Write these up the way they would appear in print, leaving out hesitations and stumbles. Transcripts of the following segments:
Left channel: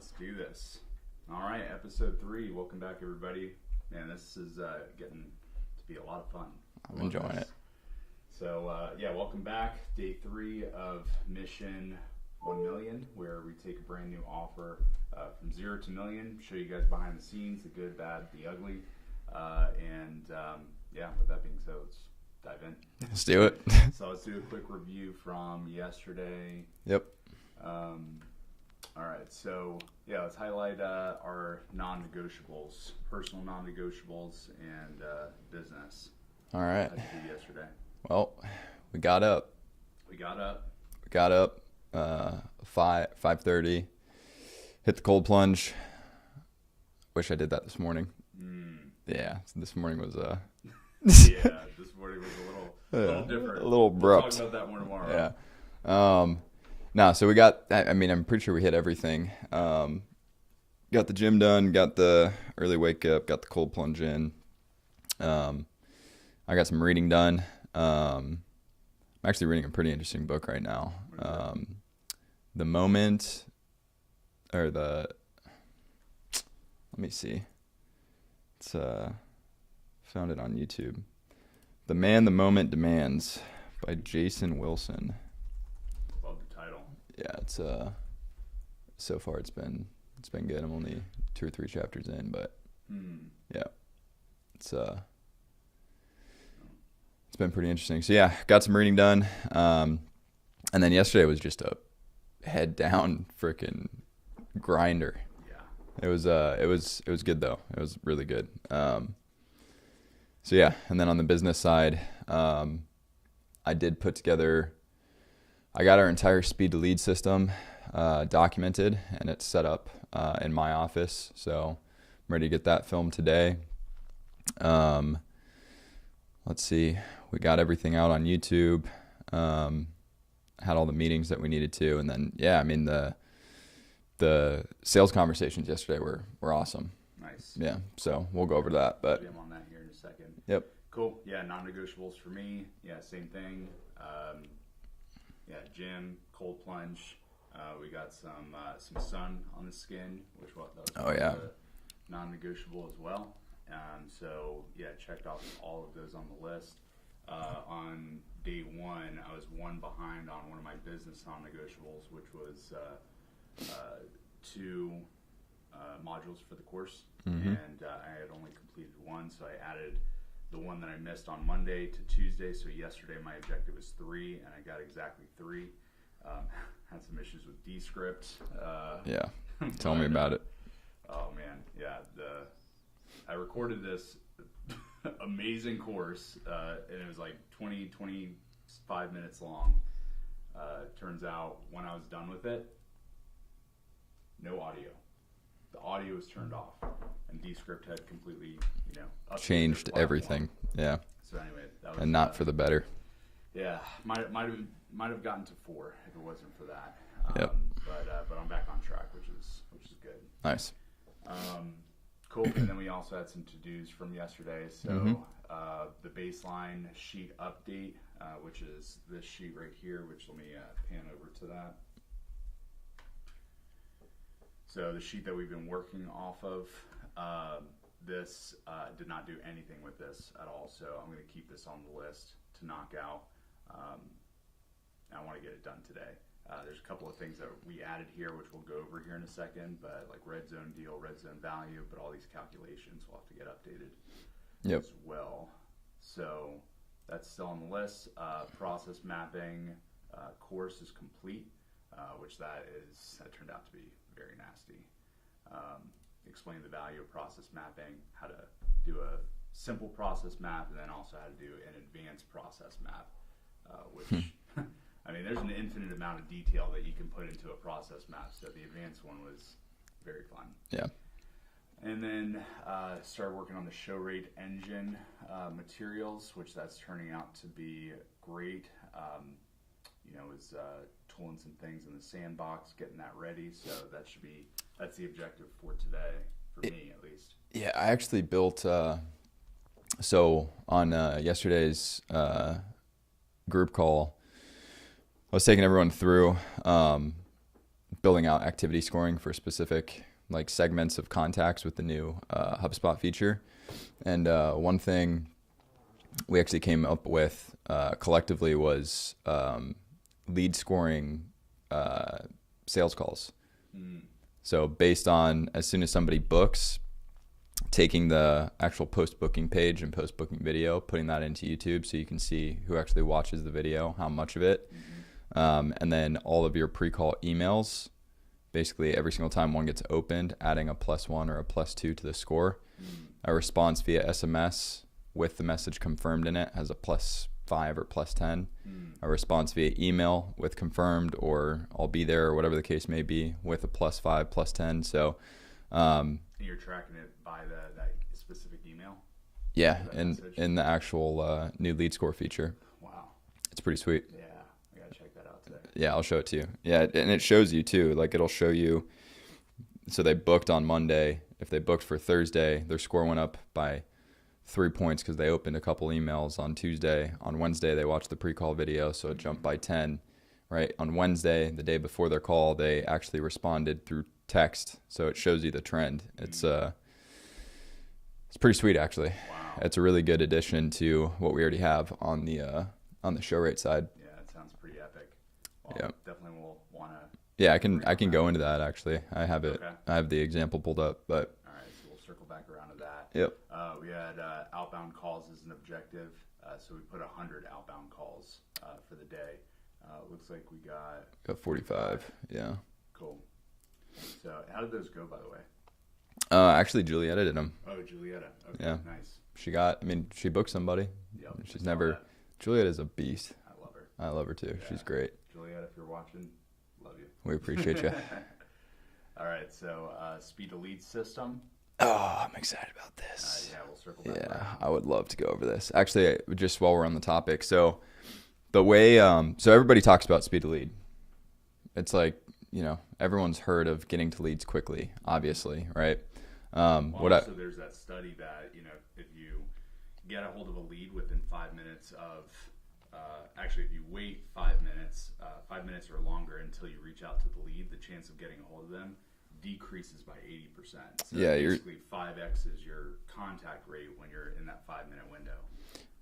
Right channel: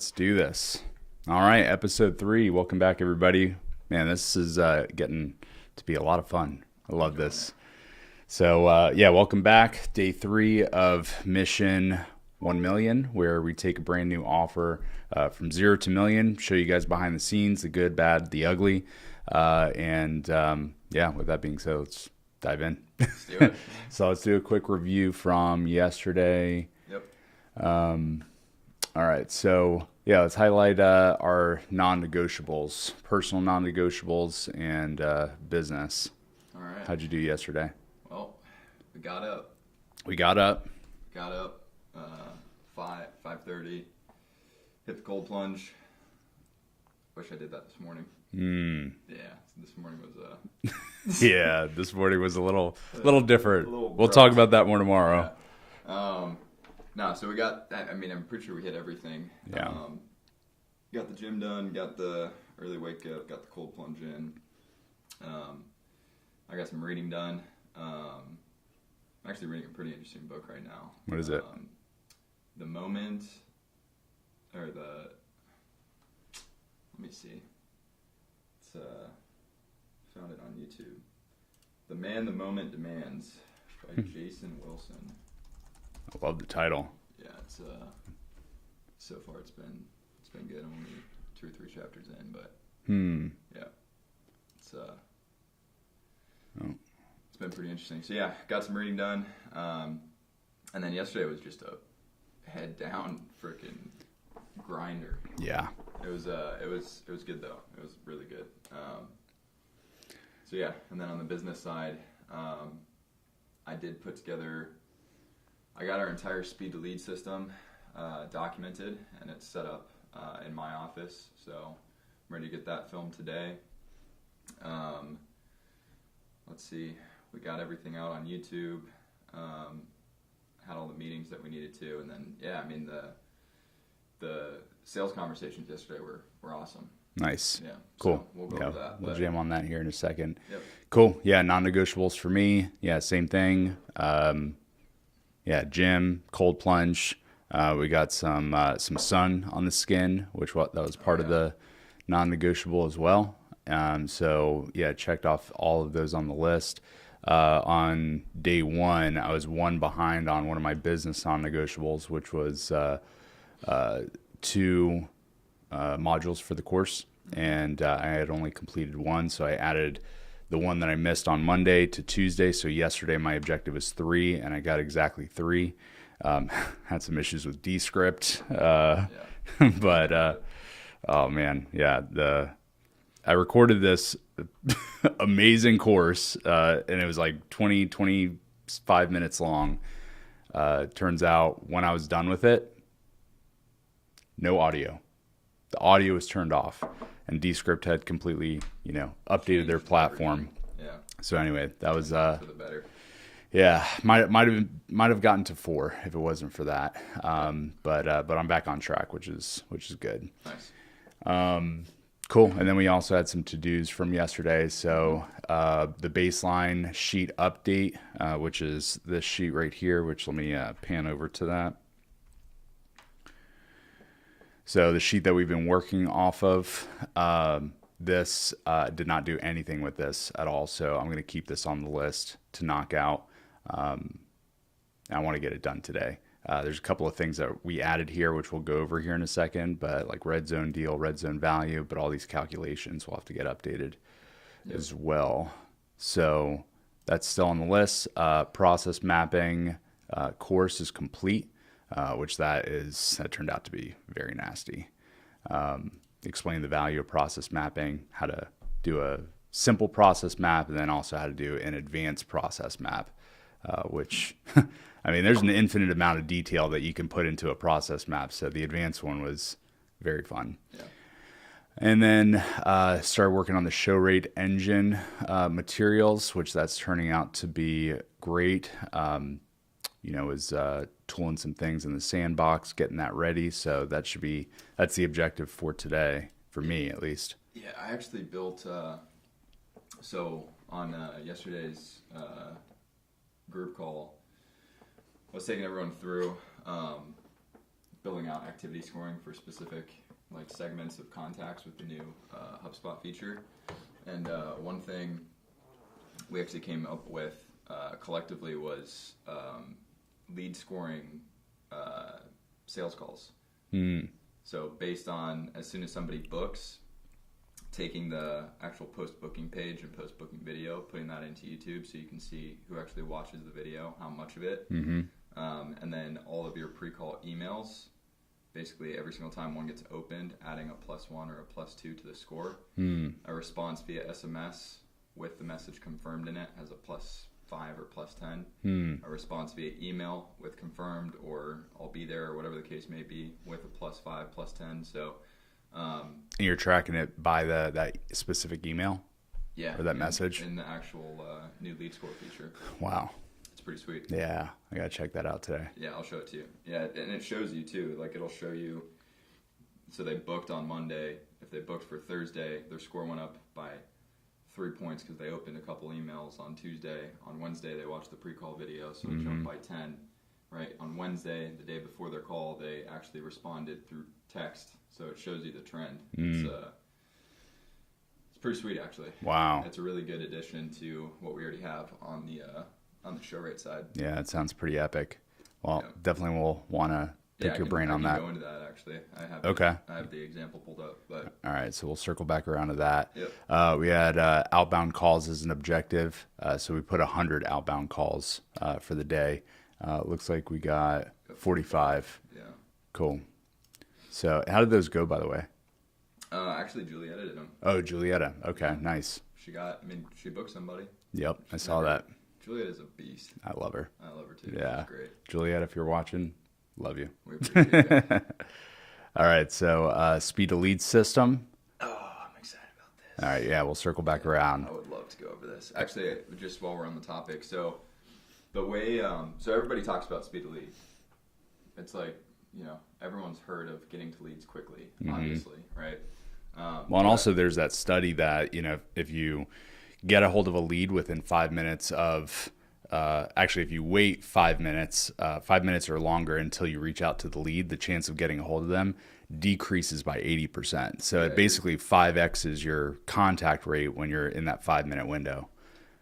Let's do this. All right, episode 3. Welcome back, everybody. Man, this is getting to be a lot of fun. I love this. So, welcome back. Day 3 of Mission 1 Million, where we take a brand new offer from 0 to million, show you guys behind the scenes, the good, bad, the ugly. With that being said, let's dive in. Let's do it. So let's do a quick review from yesterday. Yep. All right, so let's highlight our non-negotiables, personal non-negotiables, and business. All right. How'd you do yesterday? Well, we got up. 5:30. Hit the cold plunge. Wish I did that this morning. Yeah, this morning was This morning was a little different. We'll talk about that more tomorrow. Yeah. So we got, I'm pretty sure we hit everything. Yeah. Got the gym done, got the early wake up, got the cold plunge in. I got some reading done. I'm actually reading a pretty interesting book right now. What is it? The Moment, or the, let me see. It's found it on YouTube. The Man the Moment Demands by Jason Wilson. I love the title. Yeah, it's so far it's been good. I'm only 2 or 3 chapters in, but yeah, it's been pretty interesting. So yeah, got some reading done, and then yesterday was just a head down freaking grinder. Yeah, it was good though. It was really good. So yeah, and then on the business side, I did put together. I got our entire speed to lead system documented, and it's set up in my office. So I'm ready to get that filmed today. Let's see. We got everything out on YouTube. Had all the meetings that we needed to, and then the sales conversations yesterday were awesome. Nice. Yeah. Cool. So we'll go over that. We'll jam on that here in a second. Yep. Cool. Yeah, non-negotiables for me. Yeah, same thing. Gym, cold plunge. We got some sun on the skin, that was part of the non-negotiable as well. Checked off all of those on the list. On day 1, I was 1 behind on one of my business non-negotiables, which was 2 modules for the course. Mm-hmm. And I had only completed 1, so I added the one that I missed on Monday to Tuesday. So yesterday my objective was 3, and I got exactly 3. Had some issues with Descript. But oh man, yeah. I recorded this amazing course, and it was like 25 minutes long. Turns out when I was done with it, no audio. The audio was turned off, and Descript had completely, updated Changed their platform. Everything. Yeah. So anyway, that was and not for the better. Yeah, might have gotten to 4 if it wasn't for that. But I'm back on track, which is good. Nice. Cool. And then we also had some to-dos from yesterday. So the baseline sheet update, which is this sheet right here, which let me pan over to that. So the sheet that we've been working off of, this did not do anything with this at all. So I'm going to keep this on the list to knock out. I want to get it done today. There's a couple of things that we added here, which we'll go over here in a second, but like red zone deal, red zone value, but all these calculations will have to get updated as well. So that's still on the list. Process mapping course is complete, which that turned out to be very nasty. Explain the value of process mapping, how to do a simple process map, and then also how to do an advanced process map, which there's an infinite amount of detail that you can put into a process map. So the advanced one was very fun. Yeah. And then started working on the show rate engine materials, which that's turning out to be great. Was tooling some things in the sandbox, getting that ready. So that's the objective for today, for me at least. Yeah, I actually built, so on yesterday's group call, I was taking everyone through building out activity scoring for specific like segments of contacts with the new HubSpot feature. And one thing we actually came up with collectively was lead scoring sales calls. So based on as soon as somebody books, taking the actual post-booking page and post-booking video, putting that into YouTube so you can see who actually watches the video, how much of it, and then all of your pre-call emails, basically every single time one gets opened, adding a +1 or a +2 to the score. A response via SMS with the message confirmed in it has a +5 or +10. A response via email with confirmed or I'll be there or whatever the case may be with a +5, +10. So and you're tracking it by that specific email? Yeah, or that message? In the actual new lead score feature. Wow. It's pretty sweet. Yeah, I got to check that out today. Yeah, I'll show it to you. Yeah, and it shows you too. Like it'll show you, so they booked on Monday. If they booked for Thursday, their score went up by 3 points because they opened a couple emails on Tuesday. On Wednesday, they watched the pre-call video, so it jumped by 10. Right? On Wednesday, the day before their call, they actually responded through text, so it shows you the trend. It's pretty sweet, actually. Wow. It's a really good addition to what we already have on the show rate side. Yeah, it sounds pretty epic. Well, Yeah. definitely will want to. Yeah, I can go into that actually. I have Okay. I have the example pulled up, but All right, so we'll circle back around to that. Yep. We had outbound calls as an objective, so we put 100 outbound calls for the day. Looks like we got 45. Yeah. Cool. So how did those go, by the way? Actually, Julietta did them. Oh, Julietta. Okay, Yeah. nice. She booked somebody. Yep, I She's saw that. Julieta's a beast. I love her. I love her too. Yeah. She's great. Julietta, if you're watching, love you. We appreciate you. All right, so speed to lead system. Oh, I'm excited about this. All right, yeah, we'll circle back Yeah, around. I would love to go over this. Actually, just while we're on the topic, so the way, so everybody talks about speed to lead. It's like, everyone's heard of getting to leads quickly, obviously, right? Well, and also there's that study that, if you get a hold of a lead within 5 minutes of, actually, if you wait 5 minutes, 5 minutes or longer until you reach out to the lead, the chance of getting a hold of them decreases by 80%. So Yeah, it basically 5x is your contact rate when you're in that 5-minute window.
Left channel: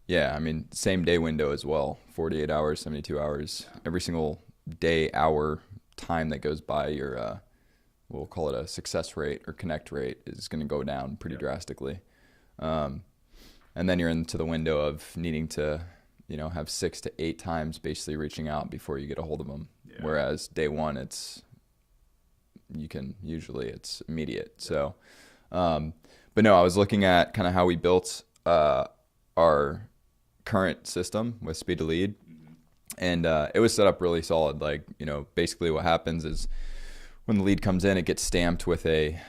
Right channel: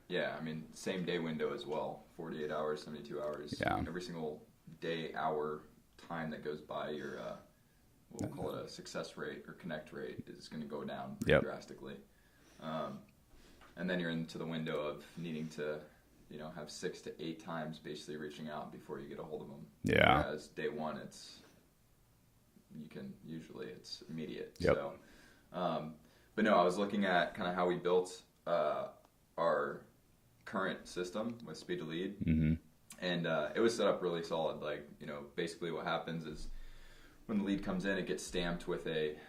Yeah, I mean, same day window as well, 48 hours, 72 hours. Yeah. Every single day, hour, time that goes by, your, we'll call it a success rate or connect rate is going to go down pretty drastically. And then you're into the window of needing to, have 6 to 8 times basically reaching out before you get a hold of them. Yeah. Whereas day one, it's immediate. Yep. So, but no, I was looking at kind of how we built our current system with speed to lead. And it was set up really solid. Like, basically what happens is when the lead comes in, it gets stamped with a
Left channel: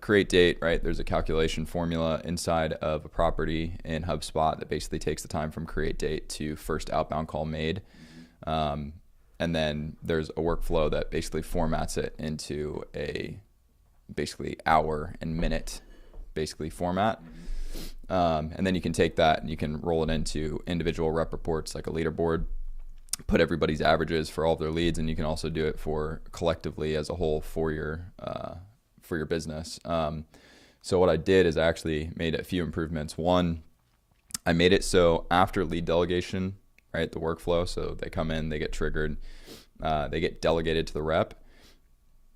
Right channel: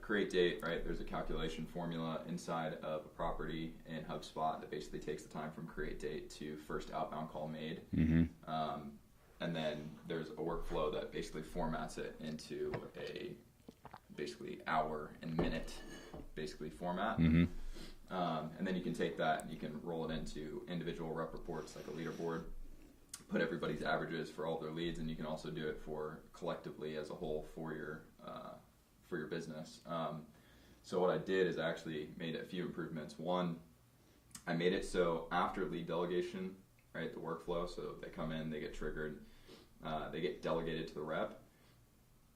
create date, right? There's a calculation formula inside of a property in HubSpot that basically takes the time from create date to first outbound call made. And then there's a workflow that basically formats it into a basically hour and minute basically format. And then you can take that and you can roll it into individual rep reports like a leaderboard, put everybody's averages for all of their leads, and you can also do it for collectively as a whole for your business. So what I did is I actually made a few improvements. One, I made it so after lead delegation, right, the workflow, so they come in, they get triggered, they get delegated to the rep.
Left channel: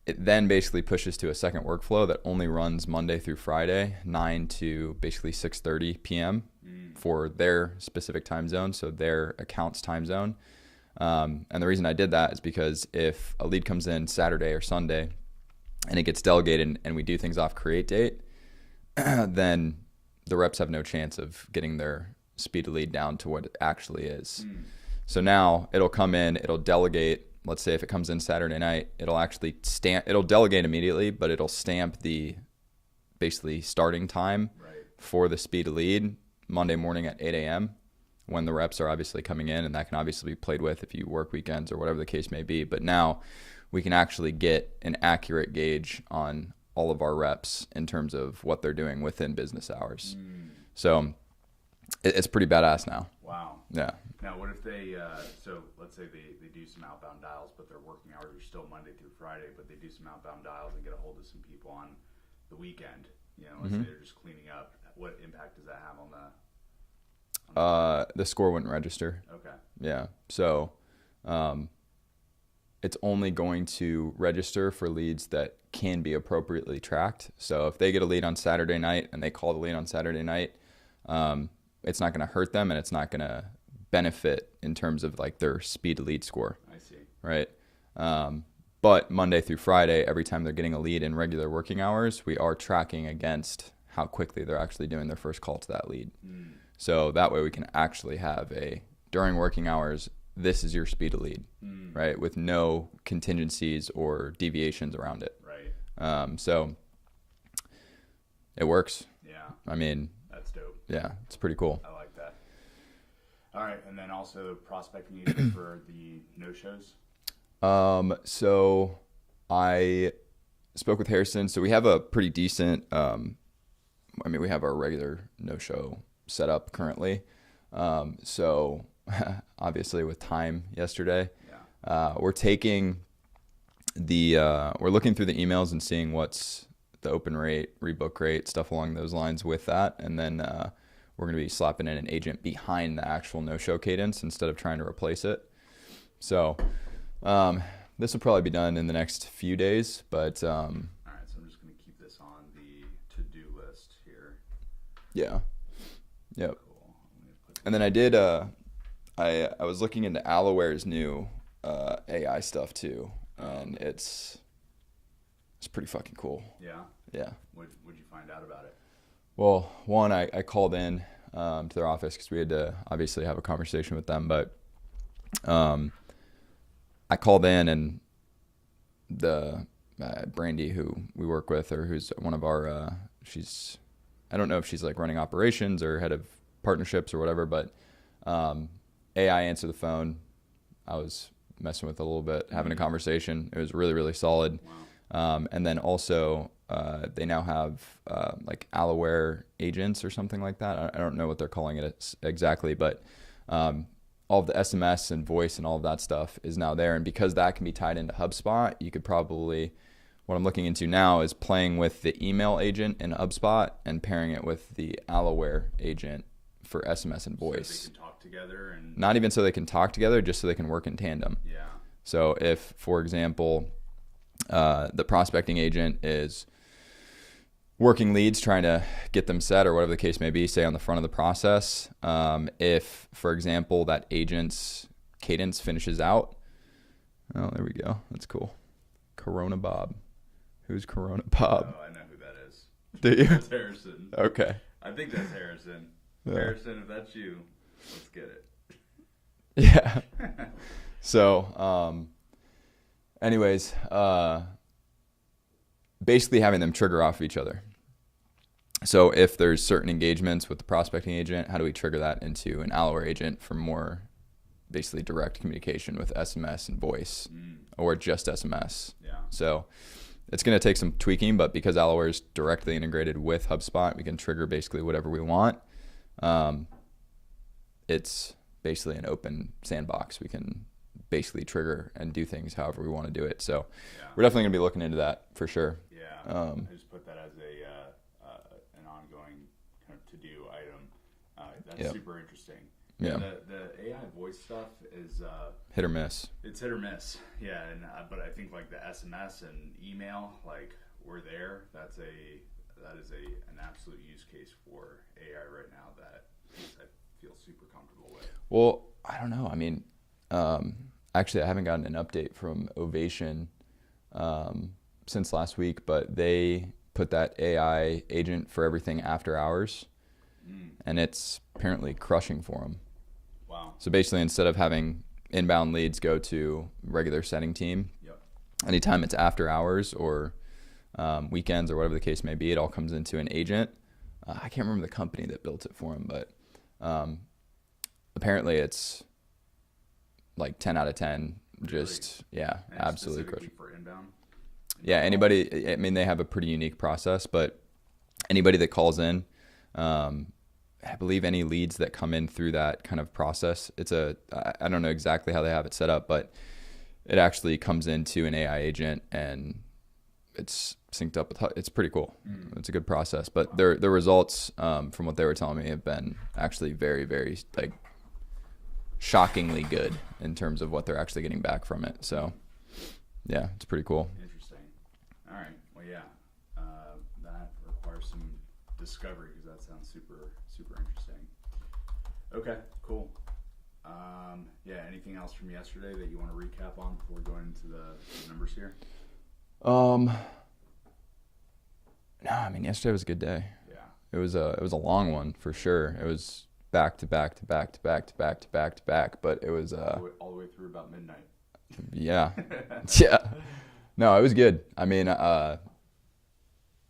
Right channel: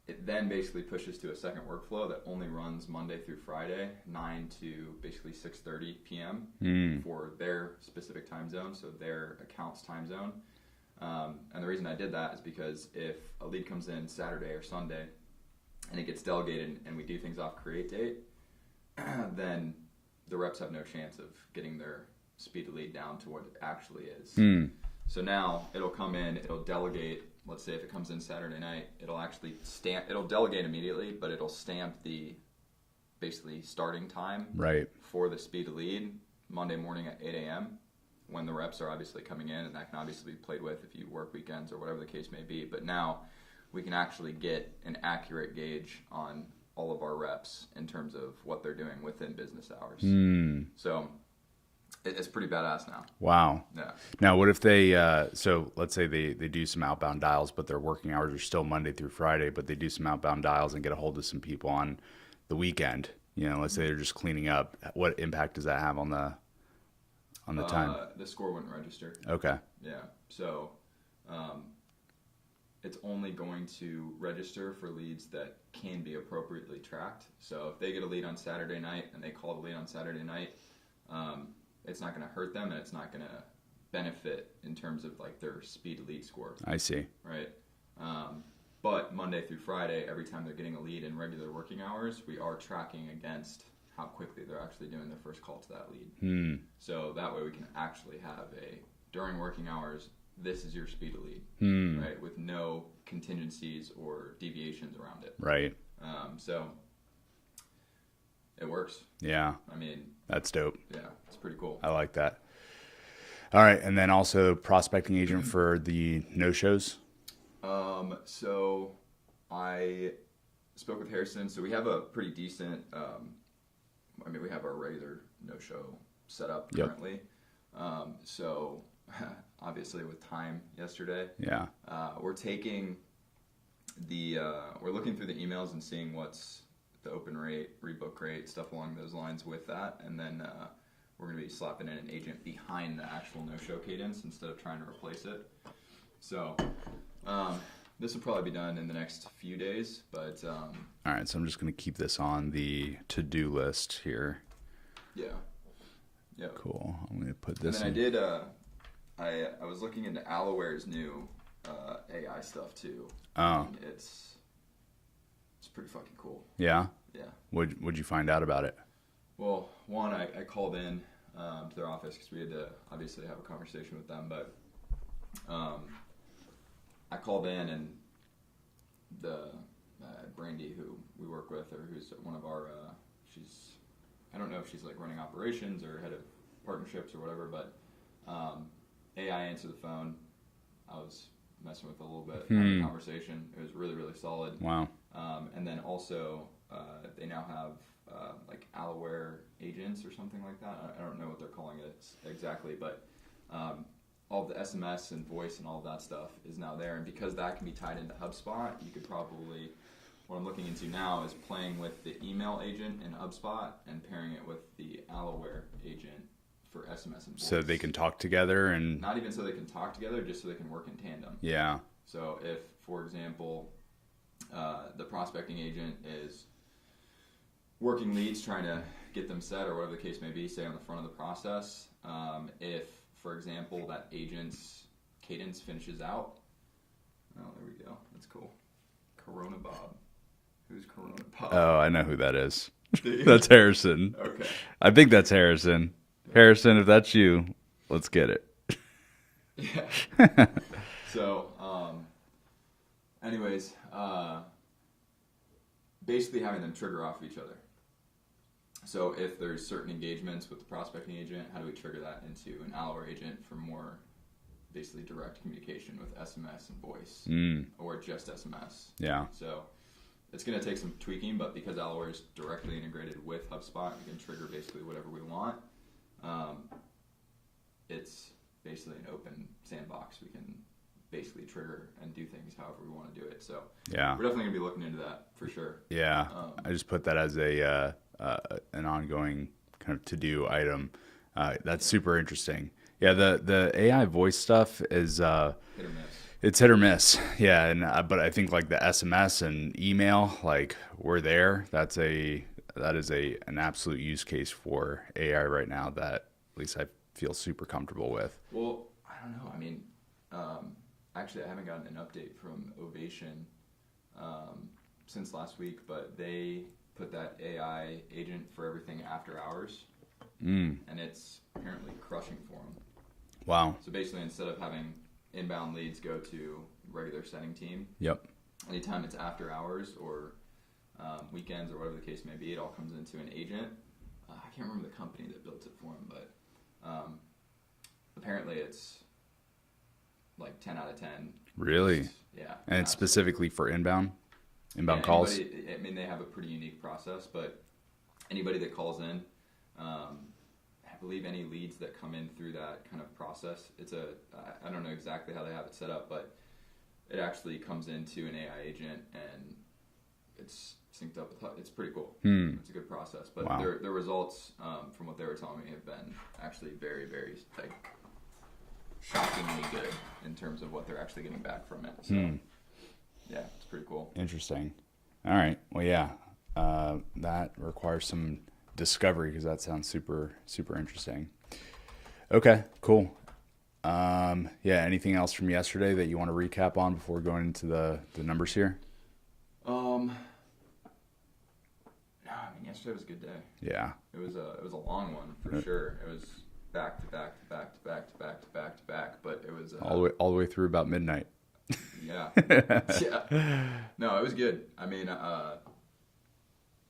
It then basically pushes to a second workflow that only runs Monday through Friday, 9 to basically 6:30 p.m. For their specific time zone, so their account's time zone. And the reason I did that is because if a lead comes in Saturday or Sunday and it gets delegated and we do things off create date, then the reps have no chance of getting their speed to lead down to what it actually is. So now it'll come in, it'll delegate. Let's say if it comes in Saturday night, it'll delegate immediately, but it'll stamp the basically starting time for the speed to lead Monday morning at 8 a.m. when the reps are obviously coming in, and that can obviously be played with if you work weekends or whatever the case may be. But now we can actually get an accurate gauge on all of our reps in terms of what they're doing within business hours. So It's pretty badass now. Wow. Yeah. Now, what if they, so let's say they do some outbound dials, but their working hours are still Monday through Friday, but they do some outbound dials and get a hold of some people on the weekend. You know, let's say they're just cleaning up. What impact does that have on the time? The score wouldn't register. Okay. Yeah. So it's only going to register for leads that can be appropriately tracked. So if they get a lead on Saturday night and they call the lead on Saturday night, it's not going to hurt them and it's not going to benefit in terms of like their speed to lead score. I see. Right. But Monday through Friday, every time they're getting a lead in regular working hours, we are tracking against how quickly they're actually doing their first call to that lead. So that way we can actually have during working hours, this is your speed to lead, right? With no contingencies or deviations around it. Right. So it works. Yeah. I mean, That's dope. yeah, it's pretty cool. I like that. All right. And then also prospecting agent for the no-shows. So I spoke with Harrison. So we have a pretty decent, we have our regular no-show set up currently. So obviously with time yesterday, we're taking we're looking through the emails and seeing what's the open rate, rebook rate, stuff along those lines with that. And then, we're going to be slapping in an agent behind the actual no-show cadence instead of trying to replace it. So, this will probably be done in the next few days, but, All right. So I'm just going to keep this on the to-do list here. yeah. Yeah. Cool. I'm going to put this. And then I did, I was looking into Alloware's new, AI stuff too. And it's pretty fucking cool. Yeah. Yeah. What'd you find out about it? Well, one, I called in to their office because we had to obviously have a conversation with them. But I called in and the Brandy, who we work with, or who's one of our, I don't know if she's like running operations or head of partnerships or whatever, but AI answered the phone. I was messing with it a little bit, having a conversation. It was really, really solid. Wow. And then also they now have like Alloware agents or something like that. I don't know what they're calling it exactly, but all of the SMS and voice and all of that stuff is now there. And because that can be tied into HubSpot, you could probably, what I'm looking into now is playing with the email agent in HubSpot and pairing it with the Alloware agent for SMS and voice. So they can talk together and Not even so they can talk together, just so they can work in tandem. yeah. So if, for example, the prospecting agent is working leads, trying to get them set or whatever the case may be, say on the front of the process, if, for example, that agent's cadence finishes out, oh, there we go. That's cool. Corona Bob. Who's Corona Bob? Oh, I know who that is. Do you? That's Harrison. Okay. I think that's Harrison. Yeah. Harrison, if that's you, let's get it. Yeah. So, anyways, basically having them trigger off each other. So if there's certain engagements with the prospecting agent, how do we trigger that into an Alloware agent for more basically direct communication with SMS and voice or just SMS? Yeah. So it's going to take some tweaking, but because Alloware is directly integrated with HubSpot, we can trigger basically whatever we want. It's basically an open sandbox. We can basically trigger and do things however we want to do it. So Yeah. we're definitely going to be looking into that for sure. Yeah. I just put that as an ongoing kind of to-do item. That's super interesting. Yeah, the AI voice stuff is hit or miss. It's hit or miss. Yeah, and but I think like the SMS and email, like we're there. That is an absolute use case for AI right now that at least I feel super comfortable with. Well, I don't know. I mean, actually, I haven't gotten an update from Ovation since last week, but they put that AI agent for everything after hours, and it's apparently crushing for them. Wow. So basically, instead of having inbound leads go to regular setting team, anytime it's after hours or weekends or whatever the case may be, it all comes into an agent. I can't remember the company that built it for them, but apparently it's like 10 out of 10. Really? Yeah. And it's specifically for inbound? Yeah, calls? Anybody, I mean, they have a pretty unique process, but anybody that calls in, I believe any leads that come in through that kind of process, I don't know exactly how they have it set up, but it actually comes into an AI agent and it's synced up with, it's pretty cool. It's a good process, but Wow. the results, from what they were telling me, have been actually very, very like shockingly good in terms of what they're actually getting back from it. So yeah, it's pretty cool. Interesting. All right. Well, yeah, that requires some discovery because that sounds super, super interesting. Okay, cool. Yeah, anything else from yesterday that you want to recap on before going into the numbers here? No, I mean, yesterday was a good day. Yeah. It was a long one for sure. It was back to back to back to back to back to back to back, but it was all the way through about midnight. yeah. Yeah. No, it was good. I mean,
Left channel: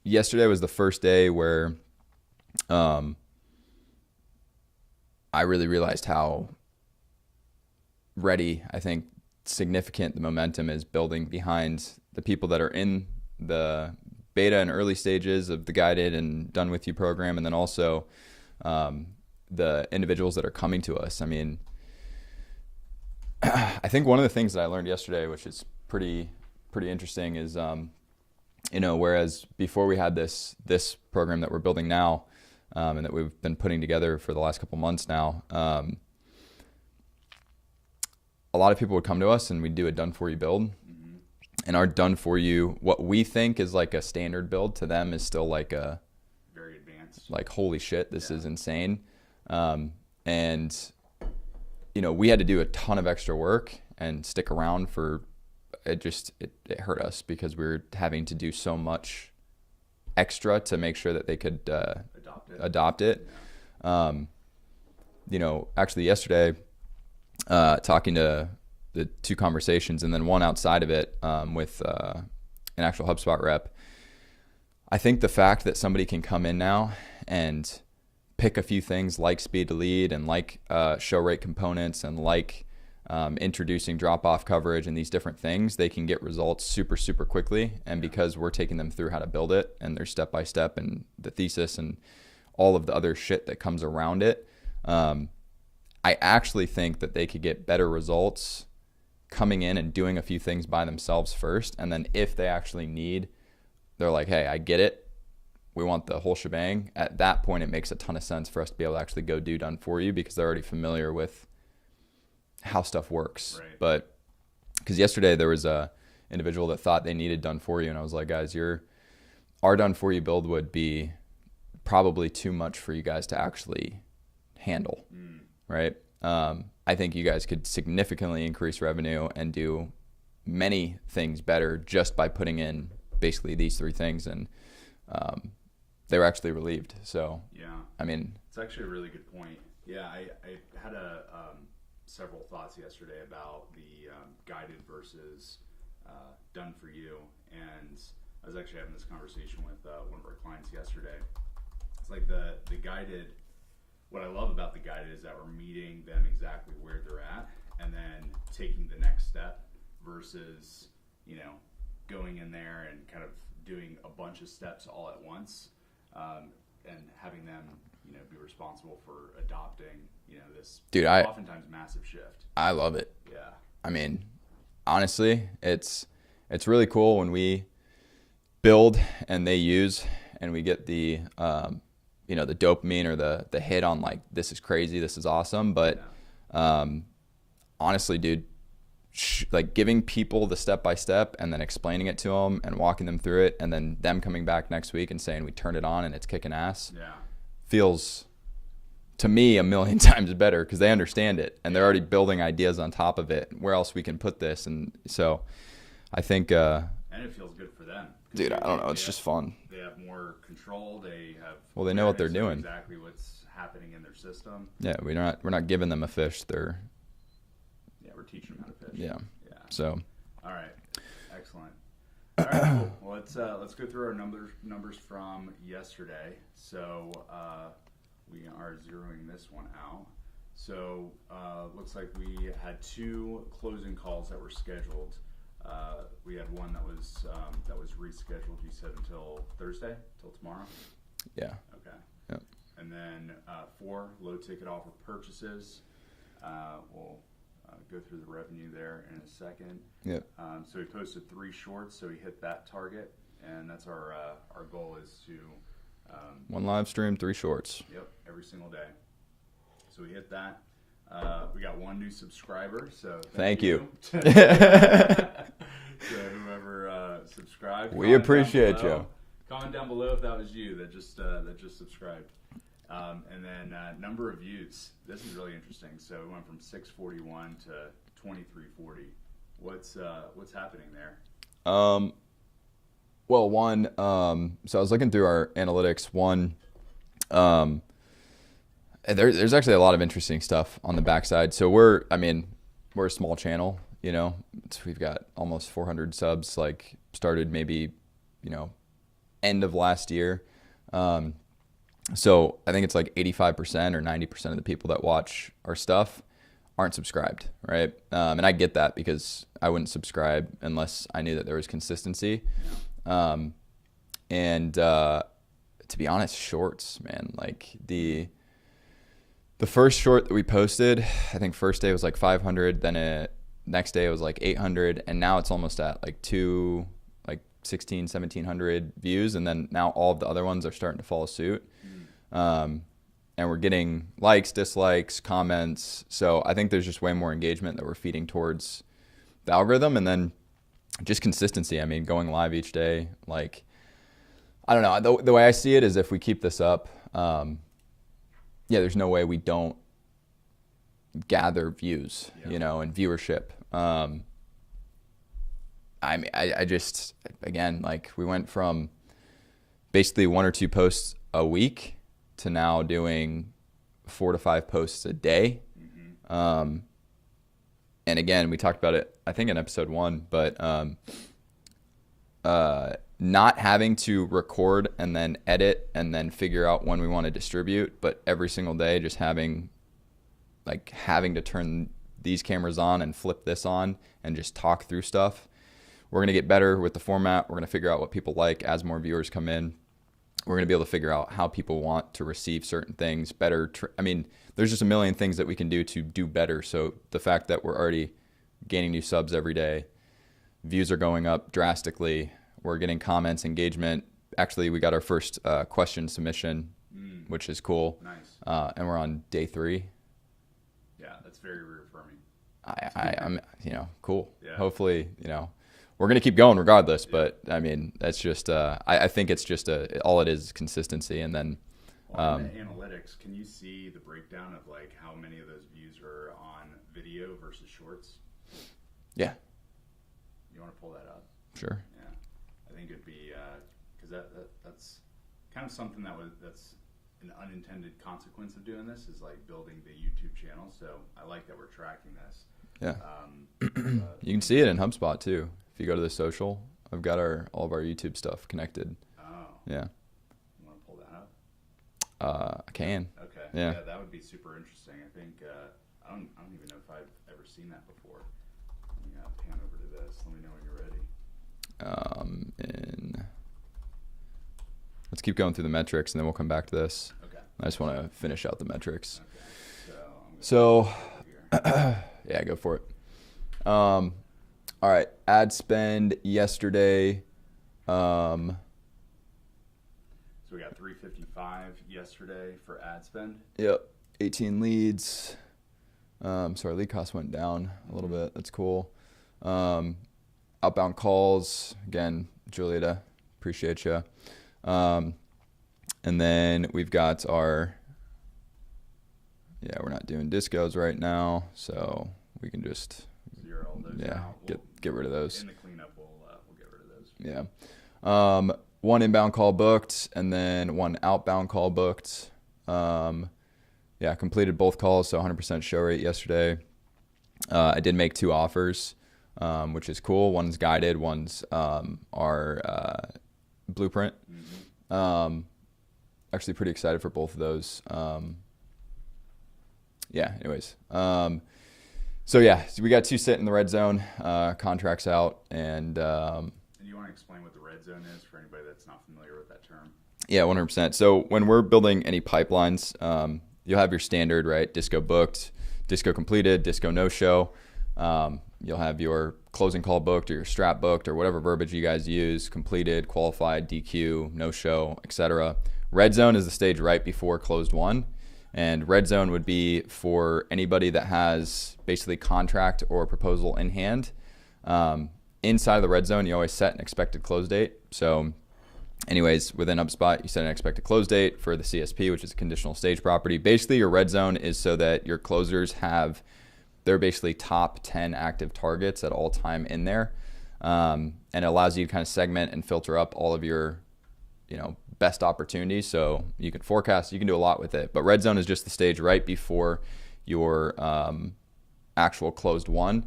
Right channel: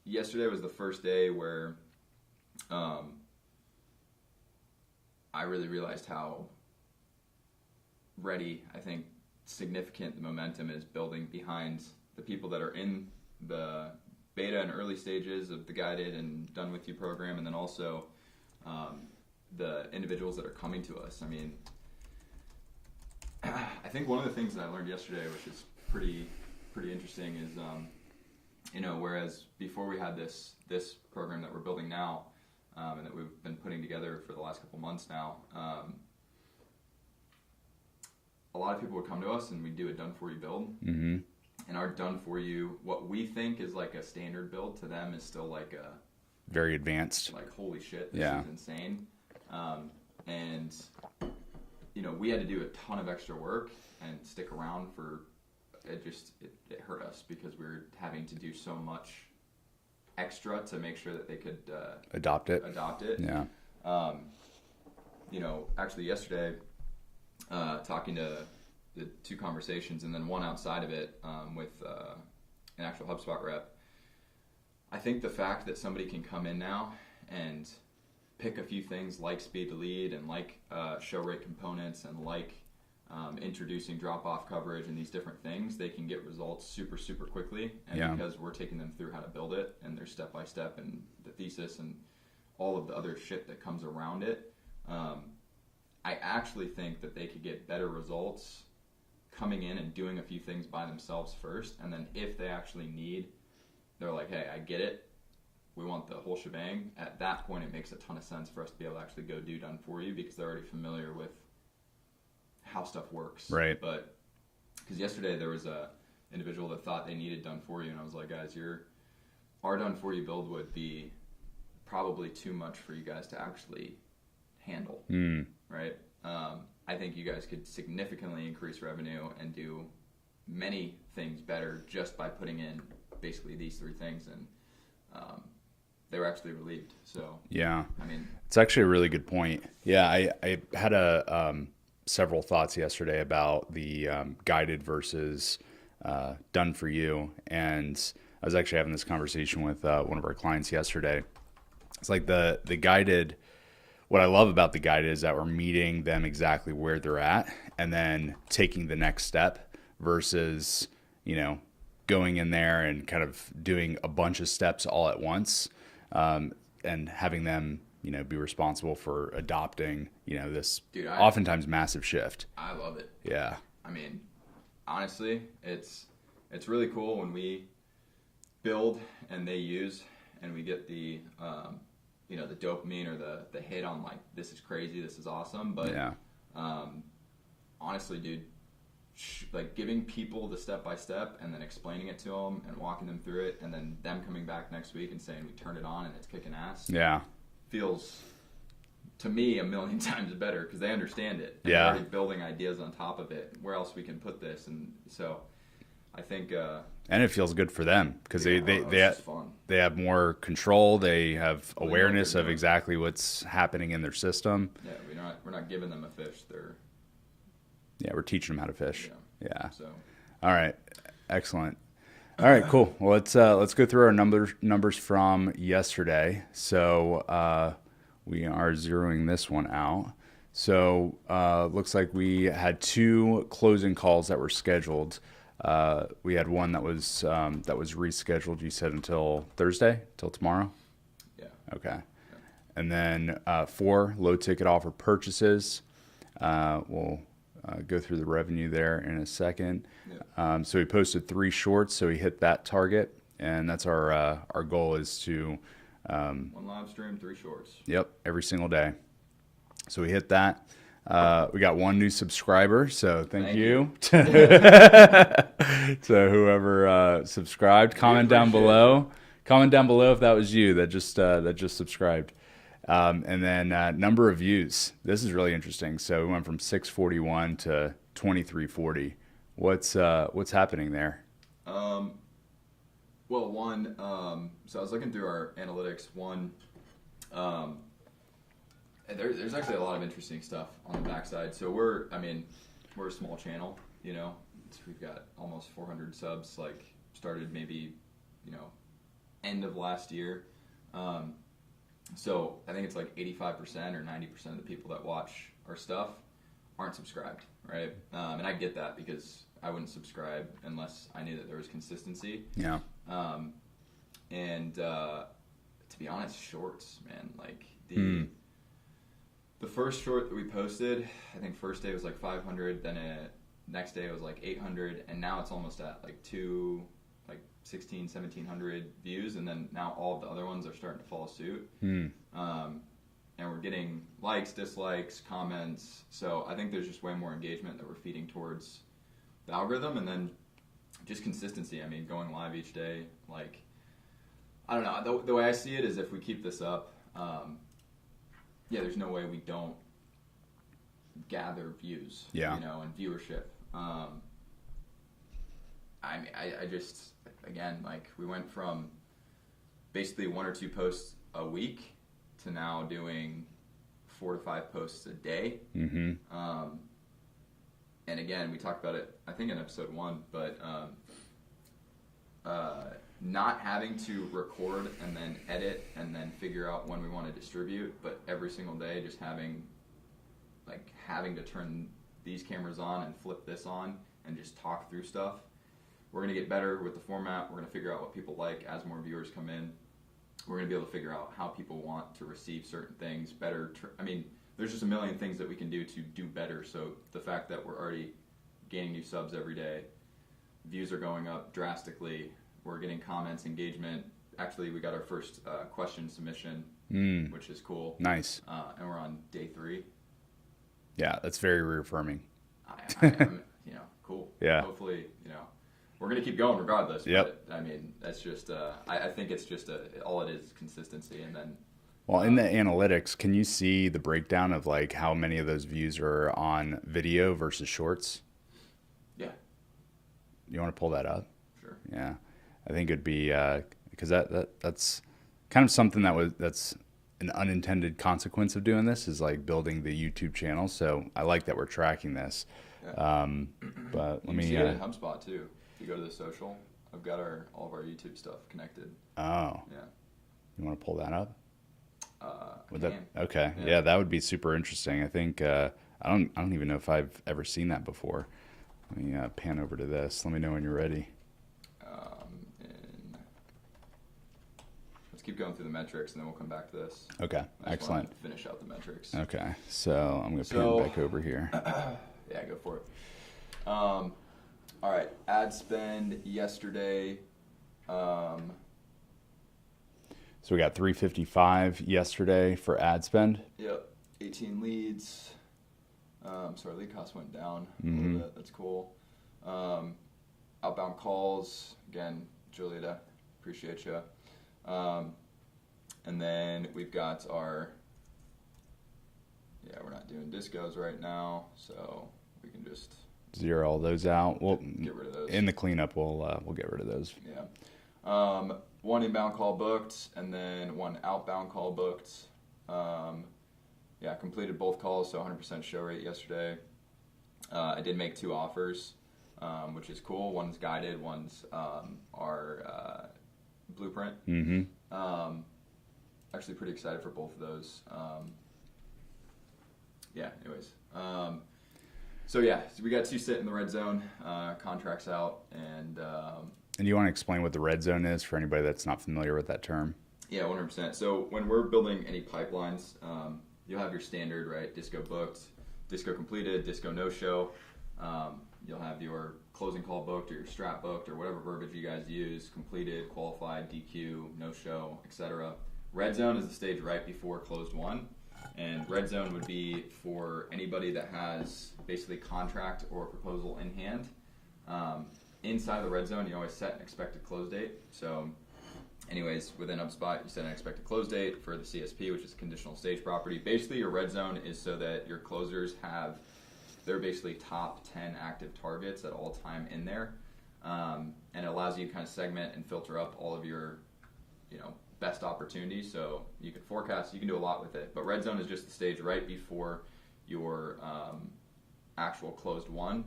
yesterday was the first day where I really realized how ready, I think, significant the momentum is building behind the people that are in the beta and early stages of the guided and done with you program, and then also the individuals that are coming to us. I mean, I think one of the things that I learned yesterday, which is pretty interesting, is whereas before we had this program that we're building now, and that we've been putting together for the last couple months now, a lot of people would come to us and we'd do a done for you build. Mm-hmm. And our done for you, what we think is like a standard build, to them is still like a very advanced, like, holy shit, this is insane. And we had to do a ton of extra work and stick around for it. It hurt us because we were having to do so much extra to make sure that they could adopt it. Yeah. Actually yesterday, talking to the two conversations and then one outside of it, with an actual HubSpot rep, I think the fact that somebody can come in now and pick a few things like speed to lead and like show rate components and like introducing drop-off coverage and these different things, they can get results super, super quickly. And because we're taking them through how to build it and their step-by-step and the thesis and all of the other shit that comes around it, I actually think that they could get better results coming in and doing a few things by themselves first. And then if they actually need, they're like, hey, I get it, we want the whole shebang. At that point, it makes a ton of sense for us to be able to actually go do done for you because they're already familiar with how stuff works. Right. But because yesterday there was a individual that thought they needed done for you. And I was like, guys, our done for you build would be probably too much for you guys to actually handle. Right. I think you guys could significantly increase revenue and do many things better just by putting in basically these three things. And they were actually relieved. So yeah, I mean, it's actually a really good point. Yeah, I had several thoughts yesterday about the guided versus done for you, and I was actually having this conversation with one of our clients yesterday. It's like the guided. What I love about the guided is that we're meeting them exactly where they're at and then taking the next step versus, going in there and kind of doing a bunch of steps all at once, and having them, be responsible for adopting, this oftentimes massive shift. I love it. Yeah. I mean, honestly, it's really cool when we build and they use and we get the the dopamine or the hit on like, this is crazy, this is awesome. But honestly, dude, like giving people the step-by-step and then explaining it to them and walking them through it and then them coming back next week and saying we turned it on and it's kicking ass. Yeah. Feels to me a million times better because they understand it and they're already building ideas on top of it. Where else we can put this? And so I think and it feels good for them because it's just fun. They have more control. They have awareness of doing. Exactly what's happening in their system. Yeah, we're not giving them a fish. We're teaching them how to fish. Yeah. So, all right, excellent. All right, cool. Well, let's go through our numbers from yesterday. So we are zeroing this one out. So looks like we had 2 closing calls that were scheduled. We had one that was rescheduled. You said until Thursday, till tomorrow. Yeah. Okay. Yeah. And then 4 low ticket offer purchases. We'll go through the revenue there in a second. Yeah. So we posted 3 shorts, so we hit that target, and that's our goal is to 1 live stream, 3 shorts. Yep, every single day. So we hit that. We got 1 new subscriber, so thank you. So whoever subscribed, comment down below. You. Comment down below if that was you that just subscribed. And then number of views. This is really interesting. So we went from 641 to 2340. What's happening there? Well, one, so I was looking through our analytics. There's actually a lot of interesting stuff on the backside. So we're a small channel, you know. We've got almost 400 subs. Like started maybe, end of last year. So I think it's like 85% or 90% of the people that watch our stuff aren't subscribed, right? And I get that because I wouldn't subscribe unless I knew that there was consistency. Yeah. And to be honest, shorts, man, like the first short that we posted, I think first day was like 500, then next day it was like 800, and now it's almost at like 1,700 views, and then now all of the other ones are starting to follow suit. And we're getting likes, dislikes, comments. So I think there's just way more engagement that we're feeding towards the algorithm, and then just consistency. I mean, going live each day, like, I don't know. The way I see it is if we keep this up, there's no way we don't gather views, and viewership. I just, again, like we went from basically 1 or 2 posts a week to now doing 4 to 5 posts a day. And again, we talked about it, I think in episode 1, but not having to record and then edit and then figure out when we want to distribute, but every single day just having to turn these cameras on and flip this on and just talk through stuff. We're going to get better with the format. We're going to figure out what people like as more viewers come in. We're going to be able to figure out how people want to receive certain things better. There's just a million things that we can do to do better. So the fact that we're already gaining new subs every day, views are going up drastically. We're getting comments, engagement. Actually, we got our first question submission, which is cool. Nice. And we're on day 3. Yeah, that's very reaffirming. I'm cool. Yeah. Hopefully, we're going to keep going regardless. Yep. But that's just, I think it's just all it is consistency. And then, in the analytics, can you see the breakdown of like how many of those views are on video versus shorts? Yeah. You want to pull that up? Sure. Yeah. I think it'd be, because that's kind of something that's an unintended consequence of doing this is like building the YouTube channel. So I like that we're tracking this. Yeah. But you can see it in HubSpot too. If you go to the social, I've got all of our YouTube stuff connected. Oh. Yeah. You want to pull that up? I can. Okay. Yeah, that would be super interesting. I think I don't even know if I've ever seen that before. Let me pan over to this. Let me know when you're ready. Let's keep going through the metrics, and then we'll come back to this. Okay. I just want to finish out the metrics. Okay. So I'm going to pan back over here. Yeah, go for it. All right. Ad spend yesterday. So we got 355 yesterday for ad spend. Yep. 18 leads. So our lead cost went down a little bit. That's cool. Outbound calls. Again, Julieta, appreciate you. And then we've got we're not doing discos right now, so we can just zero all those out. We'll get rid of those. In the cleanup, we'll get rid of those. Yeah. 1 inbound call booked, and then 1 outbound call booked. Completed both calls, so 100% show rate yesterday. I did make 2 offers, which is cool. One's guided, one's our blueprint. Actually pretty excited for both of those. So we got 2 sit in the red zone, contracts out, and you want to explain what the red zone is for anybody that's not familiar with that term? Yeah, 100%. So when we're building any pipelines, you'll have your standard, right? Disco booked, disco completed, disco no show. You'll have your closing call booked or your strap booked or whatever verbiage you guys use, completed, qualified, DQ, no show, etc. Red zone is the stage right before closed one. And red zone would be for anybody that has basically contract or proposal in hand. Inside of the red zone, you always set an expected close date. So anyways, within HubSpot, you set an expected close date for the CSP, which is a conditional stage property. Basically, your red zone is so that your closers have their basically top 10 active targets at all time in there. And it allows you to kind of segment and filter up all of your, best opportunities. So you can forecast, you can do a lot with it. But red zone is just the stage right before your actual closed one.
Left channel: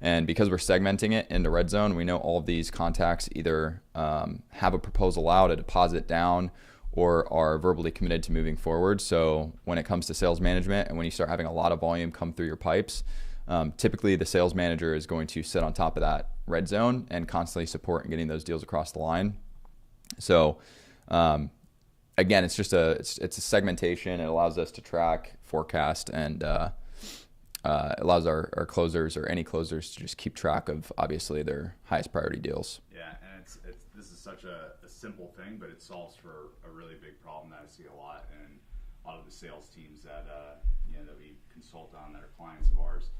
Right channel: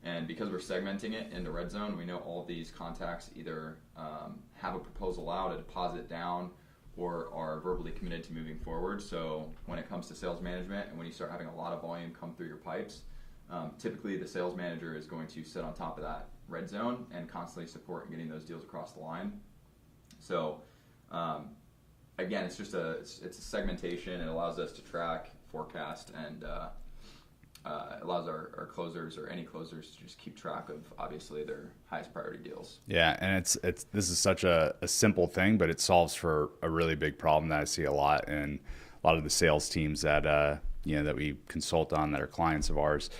And because we're segmenting it into red zone, we know all of these contacts either have a proposal out, a deposit down, or are verbally committed to moving forward. So when it comes to sales management and when you start having a lot of volume come through your pipes, typically the sales manager is going to sit on top of that red zone and constantly support and getting those deals across the line. So again, it's just it's a segmentation. It allows us to track, forecast, and allows our closers or any closers to just keep track of obviously their highest priority deals. Yeah, and this is such a simple thing, but it solves for a really big problem that I see a lot in a lot of the sales teams that that we consult on that are clients of ours.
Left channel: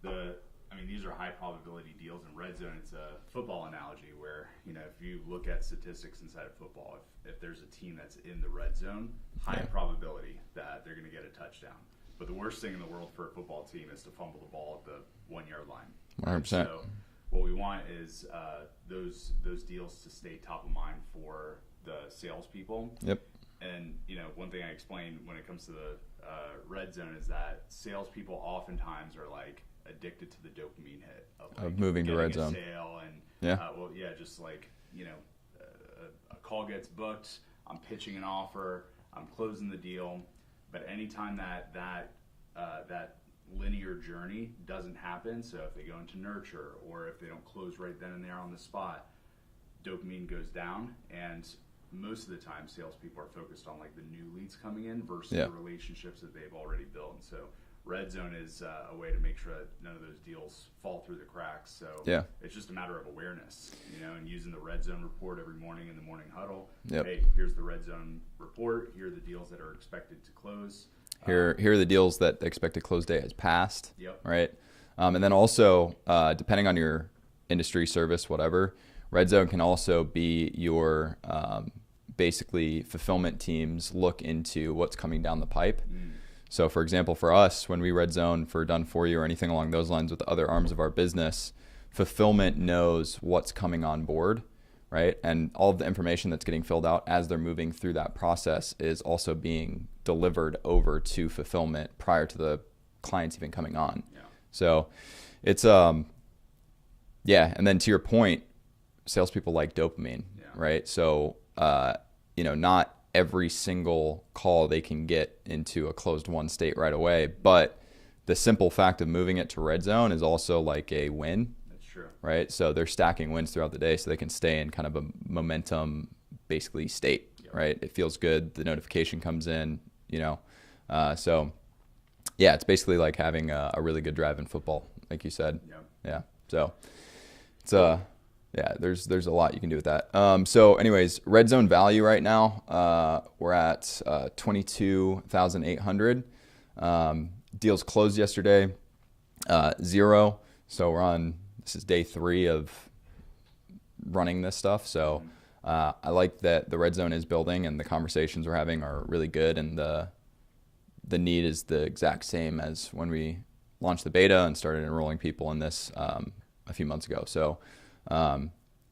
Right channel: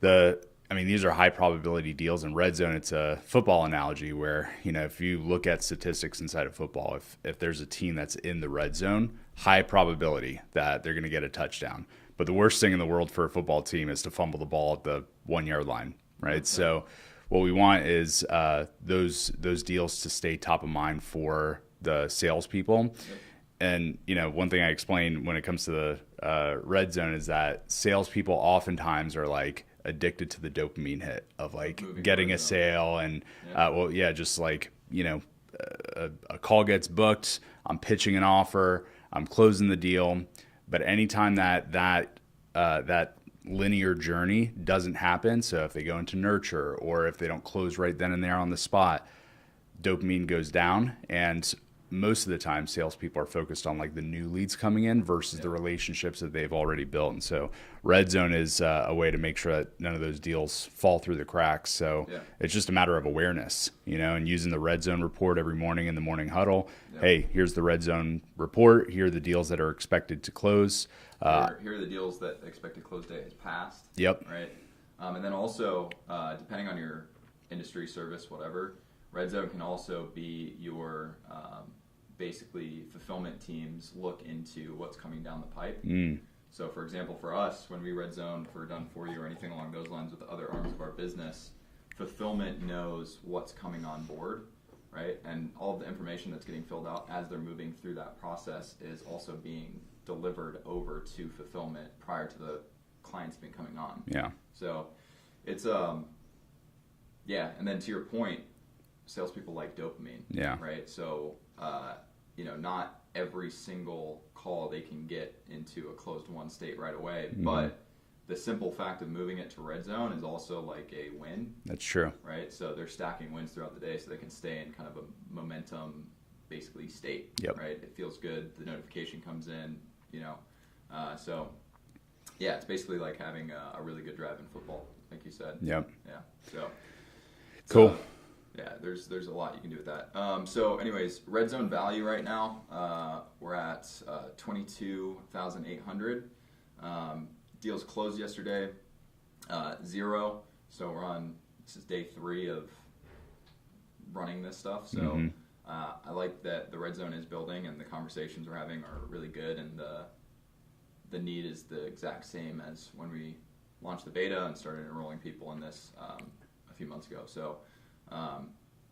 These are high probability deals in red zone. It's a football analogy where, if you look at statistics inside of football, if there's a team that's in the red zone, high probability that they're going to get a touchdown. But the worst thing in the world for a football team is to fumble the ball at the 1 yard line, right? 100%. So what we want is those deals to stay top of mind for the salespeople. Yep. And one thing I explain when it comes to the red zone is that salespeople oftentimes are like addicted to the dopamine hit of like getting a sale and just like a call gets booked, I'm pitching an offer, I'm closing the deal. But anytime that linear journey doesn't happen, so if they go into nurture or if they don't close right then and there on the spot, dopamine goes down. And most of the time, salespeople are focused on like the new leads coming in versus the relationships that they've already built. And so red zone is a way to make sure that none of those deals fall through the cracks. So it's just a matter of awareness, and using the red zone report every morning in the morning huddle. Hey, here's the red zone report. Here are the deals that are expected to close. Here are the deals that the expected close date has passed. Yep. Right. And then also, depending on your industry, service, whatever, red zone can also be your basically fulfillment teams look into what's coming down the pipe. So for example, for us, when we red zone for done for you or anything along those lines with the other arms of our business, fulfillment knows what's coming on board, right? And all of the information that's getting filled out as they're moving through that process is also being delivered over to fulfillment prior to the clients even coming on. Yeah. So it's, and then to your point, salespeople like dopamine, right? So, not every single call they can get into a closed one state right away, but the simple fact of moving it to red zone is also like a win. That's true. Right? So they're stacking wins throughout the day so they can stay in kind of a momentum basically state, right? It feels good. The notification comes in, so it's basically like having a really good drive in football, like you said. Yep. Yeah. So it's, cool. There's a lot you can do with that. So anyways, red zone value right now, we're at 22,800. Deals closed yesterday, 0. So this is day 3 of running this stuff. So I like that the red zone is building and the conversations we're having are really good, and the need is the exact same as when we launched the beta and started enrolling people in this a few months ago. So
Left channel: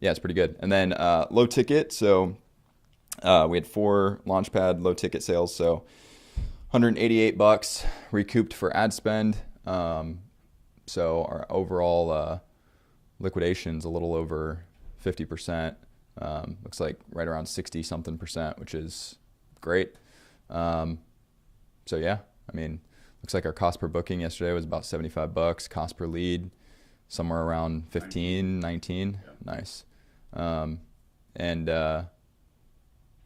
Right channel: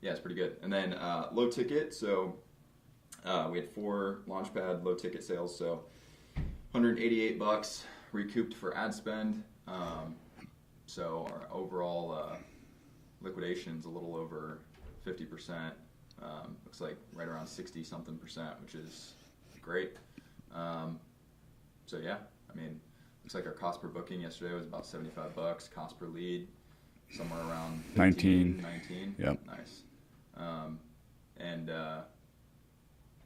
it's pretty good. And then low ticket. So we had 4 Launchpad low ticket sales. So $188 recouped for ad spend. So our overall liquidation's a little over 50%. Looks like right around 60 something percent, which is great. Looks like our cost per booking yesterday was about $75. Cost per lead somewhere around 15, 19. Yep. Nice.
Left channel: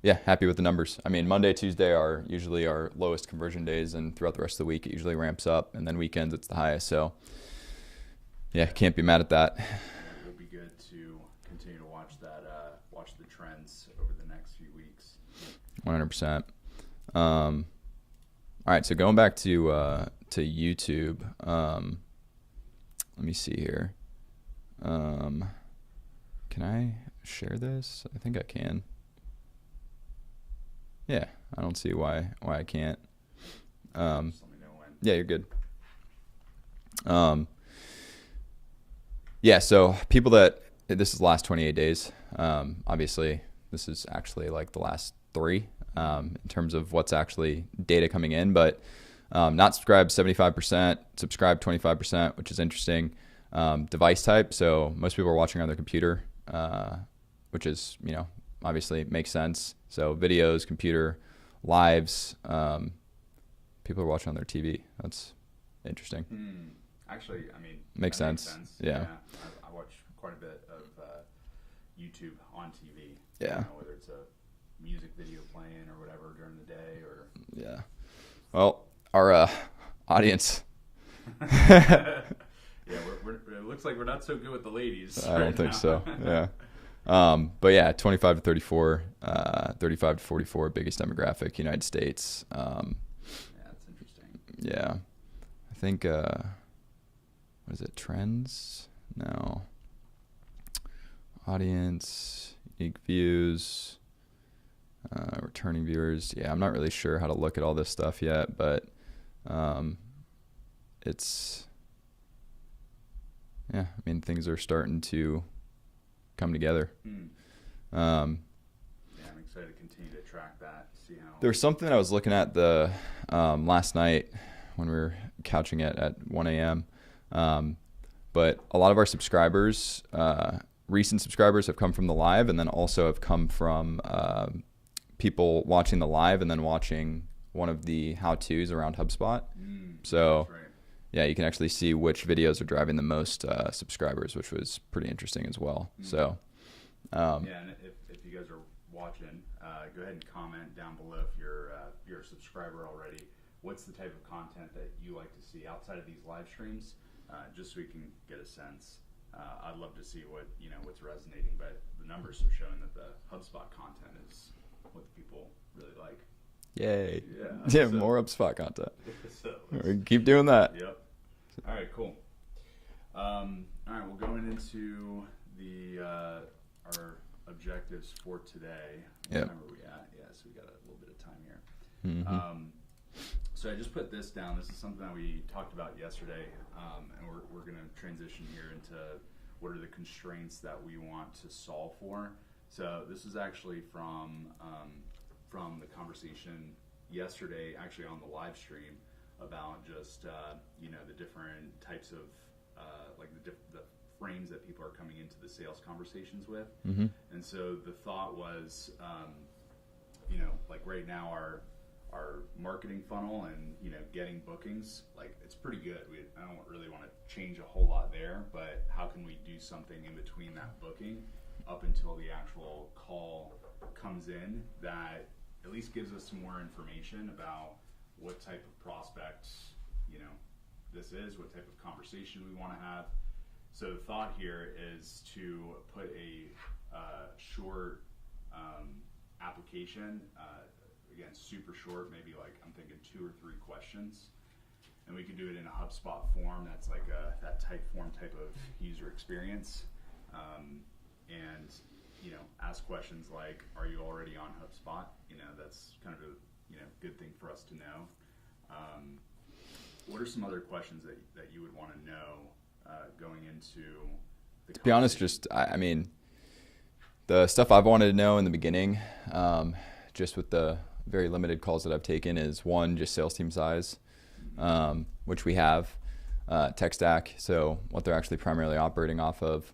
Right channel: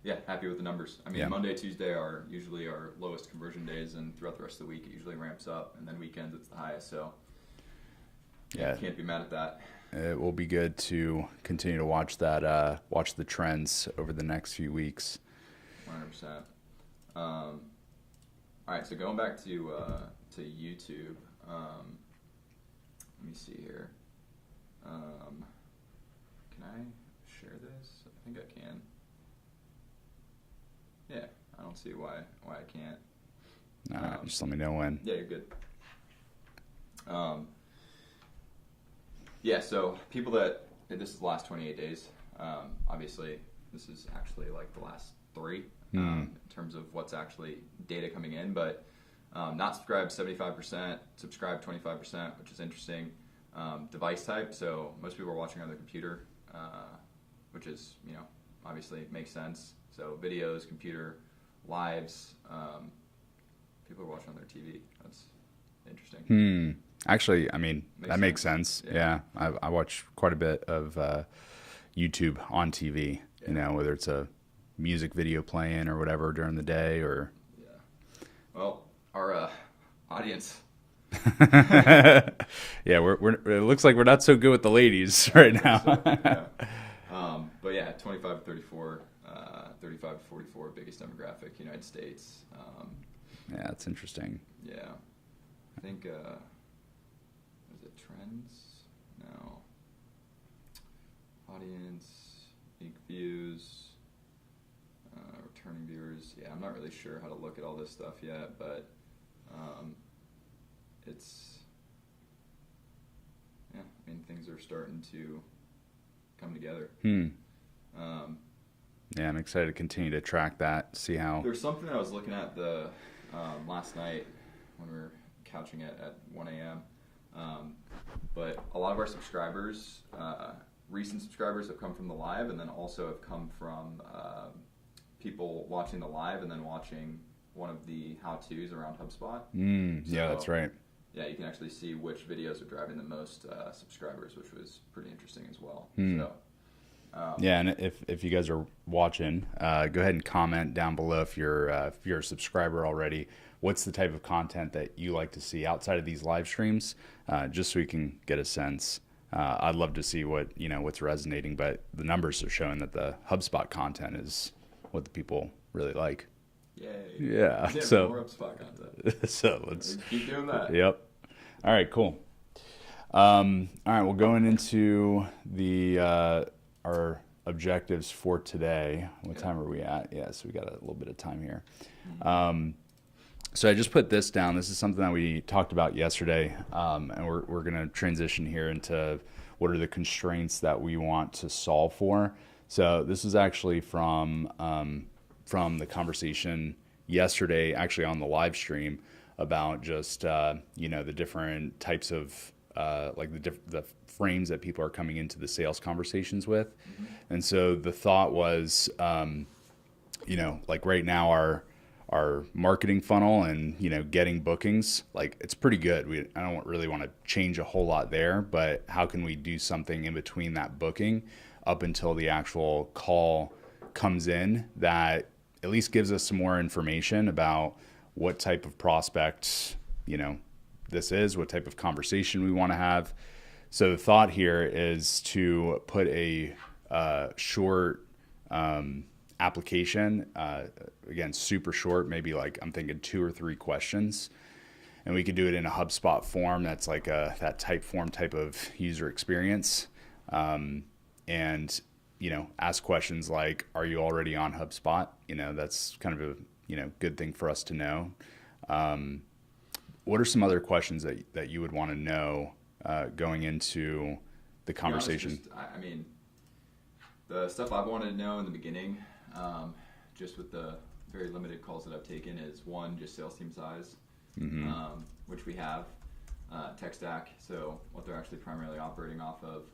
Yeah, happy with the numbers. I mean, Yeah. Monday, Tuesday are usually our lowest conversion days, and throughout the rest of the week, it usually ramps up, and then weekends it's the highest. So, yeah, Yeah. can't be mad at that. It will be good to continue to watch that, watch the trends over the next few weeks. 100%. All right, so going back to YouTube, let me see here. Can I share this? I think I can. Yeah, I don't see why I can't. Just let me know when. Yeah, you're good. Yeah, so people that this is the last 28 days. Obviously, this is actually like the last 3 in terms of what's actually data coming in, but not subscribed 75%, subscribed 25%, which is interesting. Device type, so most people are watching on their computer, which is, obviously makes sense. So videos, computer, lives, people are watching on their TV. That's interesting. Actually, I mean, Makes that makes sense. sense. Yeah. I watch quite a bit of YouTube on TV, Yeah. whether it's a music video playing or whatever during the day or... Yeah. Well, our audience. Yeah, it looks like we're not so good with the ladies right now. So. Yeah. But yeah, 25 to 34, 35 to 44, biggest demographic, United States. Yeah, that's interesting. Yeah. I think, what is it? Trends? No. Audience, unique views, returning viewers. Yeah, I'm not really sure how to look at all this stuff yet, but yeah, I mean, things are starting to come together. Yeah, I'm excited to continue to track that, see how... There's something I was looking at the last night when we were couching it at 1 a.m. But a lot of our subscribers, recent subscribers, have come from the live, and then also have come from people watching the live and then watching one of the how-tos around HubSpot. So yeah, that's right. Yeah, you can actually see which videos are driving the most subscribers, which was pretty interesting as well. So. Yeah, and if you guys are watching, go ahead and comment down below if you're a subscriber already. What's the type of content that you like to see outside of these live streams, just so we can get a sense. I'd love to see what's resonating, but the numbers are showing that the HubSpot content is what the people really like. Yay! Yeah, Yeah, so, more HubSpot content. So let's keep doing that. Yep. All right, cool. All right, well, going into the our objectives for today. What time are we at? Yeah, so we got a little bit of time here. So I just put this down. This is something that we talked about yesterday, and we're going to transition here into what are the constraints that we want to solve for. So this is actually from the conversation yesterday, actually on the live stream, about just the different types of like the frames that people are coming into the sales conversations with. And so the thought was, like right now our marketing funnel and, getting bookings, like it's pretty good. I don't really want to change a whole lot there, but how can we do something in between that booking up until the actual call comes in that at least gives us some more information about what type of prospect, this is, what type of conversation we want to have. So the thought here is to put a short application, again, super short, maybe like I'm thinking 2 or 3 questions, and we could do it in a HubSpot form that's like that type form type of user experience, and ask questions like, are you already on HubSpot? That's kind of a good thing for us to know. What are some other questions that you would want to know going into the conversation? To be honest, I mean, the stuff I've wanted to know in the beginning, just with the very limited calls that I've taken, is one, just sales team size, which we have, tech stack, so what they're actually primarily operating off of.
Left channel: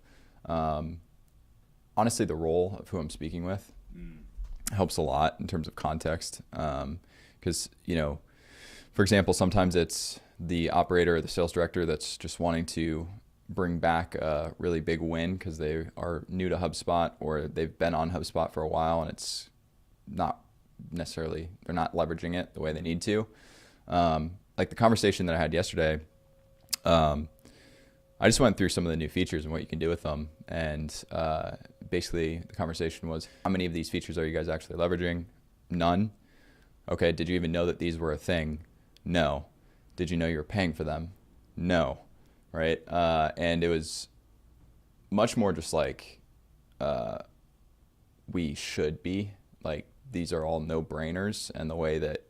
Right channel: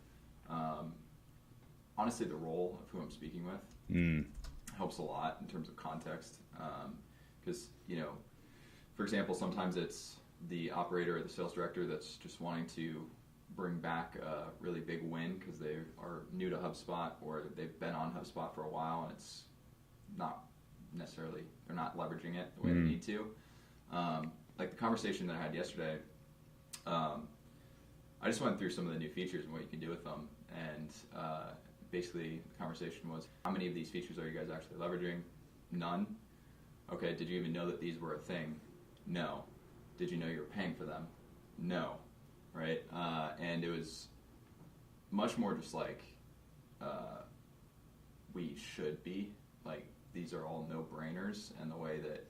Honestly, the role of who I'm speaking with helps a lot in terms of context, because, for example, sometimes it's the operator or the sales director that's just wanting to bring back a really big win because they are new to HubSpot or they've been on HubSpot for a while and not necessarily, they're not leveraging it the way they need to. Like the conversation that I had yesterday, I just went through some of the new features and what you can do with them. And basically the conversation was, how many of these features are you guys actually leveraging? None. Okay, did you even know that these were a thing? No. Did you know you were paying for them? No. Right? And it was much more just like, we should be. Like, these are all no-brainers, and the way that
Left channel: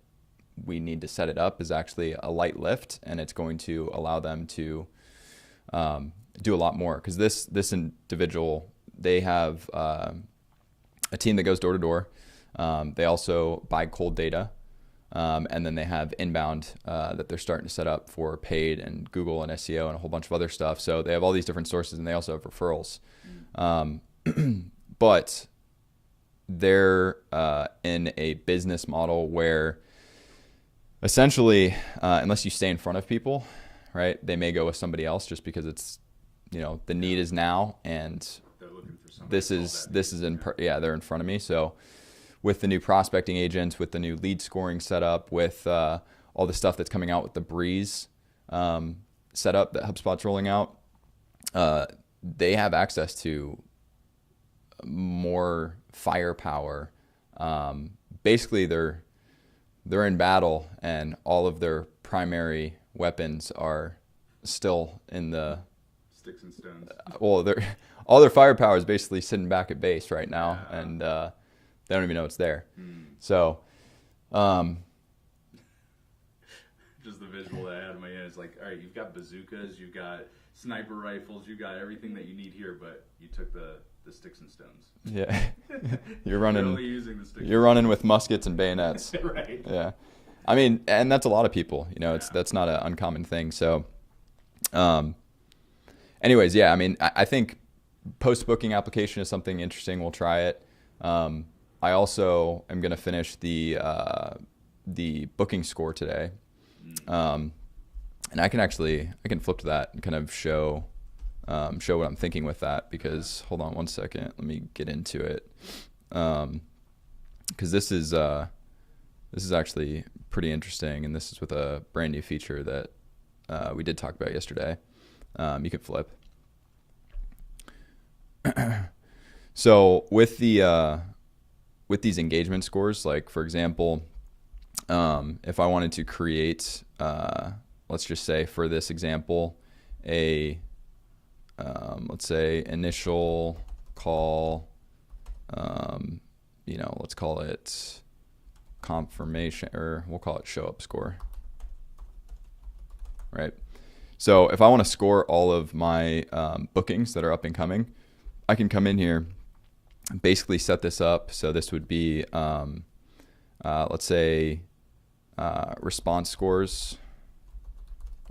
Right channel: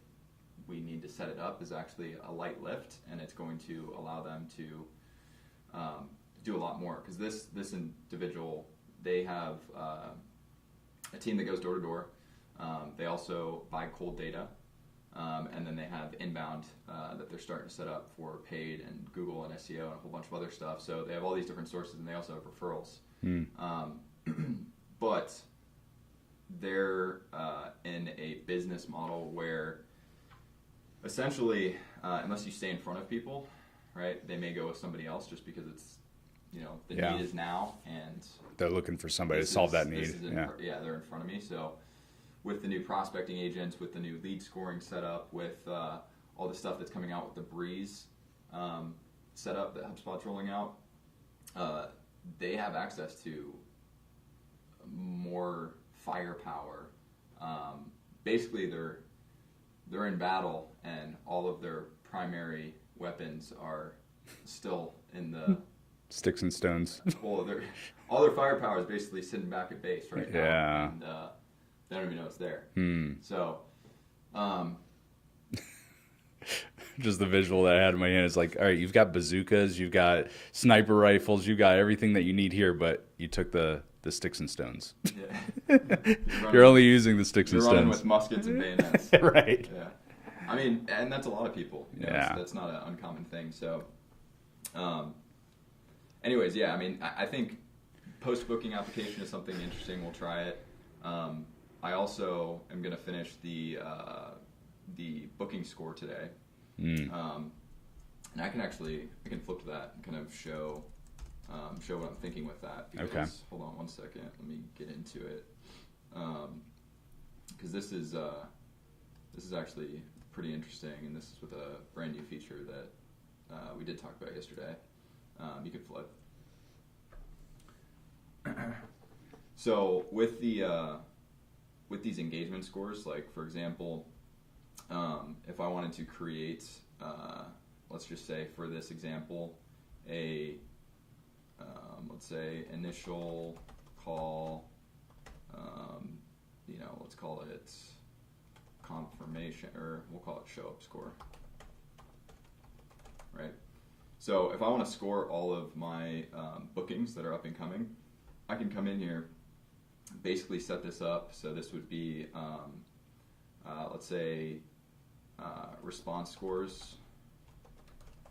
we need to set it up is actually a light lift, and it's going to allow them to do a lot more. Because this individual, they have a team that goes door to door. They also buy cold data, and then they have inbound that they're starting to set up for paid and Google and SEO and a whole bunch of other stuff. So they have all these different sources, and they also have referrals. But they're in a business model where essentially, unless you stay in front of people, right, they may go with somebody else just because it's, the need is now, and they're looking for somebody to solve that need. This is they're in front of me. So with the new prospecting agents, with the new lead scoring setup, with all the stuff that's coming out with the Breeze setup that HubSpot's rolling out, they have access to more firepower. Basically, they're in battle, and all of their primary weapons are still in the sticks and stones. Well, all their firepower is basically sitting back at base right now, and they don't even know it's there. So, just the visual that I had in my hand is like, all right, you've got bazookas, you've got sniper rifles, you've got everything that you need here, but you took the sticks and stones. Yeah, you're only using the sticks. You're and running stones. with muskets and bayonets. Right. Yeah, I mean, and that's a lot of people. That's not an uncommon thing. So, anyways, yeah, I mean, I think post-booking application is something interesting. We'll try it. I also am going to finish the booking score today. And I can flip to that and kind of show what I'm thinking with that, because hold on one second, let me get into it. Because this is actually pretty interesting, and this is with a brand new feature that we did talk about yesterday. You can flip. So with these engagement scores, like for example, if I wanted to create, let's just say for this example, let's say initial call, let's call it confirmation, or we'll call it show up score, right? So if I want to score all of my bookings that are up and coming, I can come in here, basically set this up. So this would be, let's say, response scores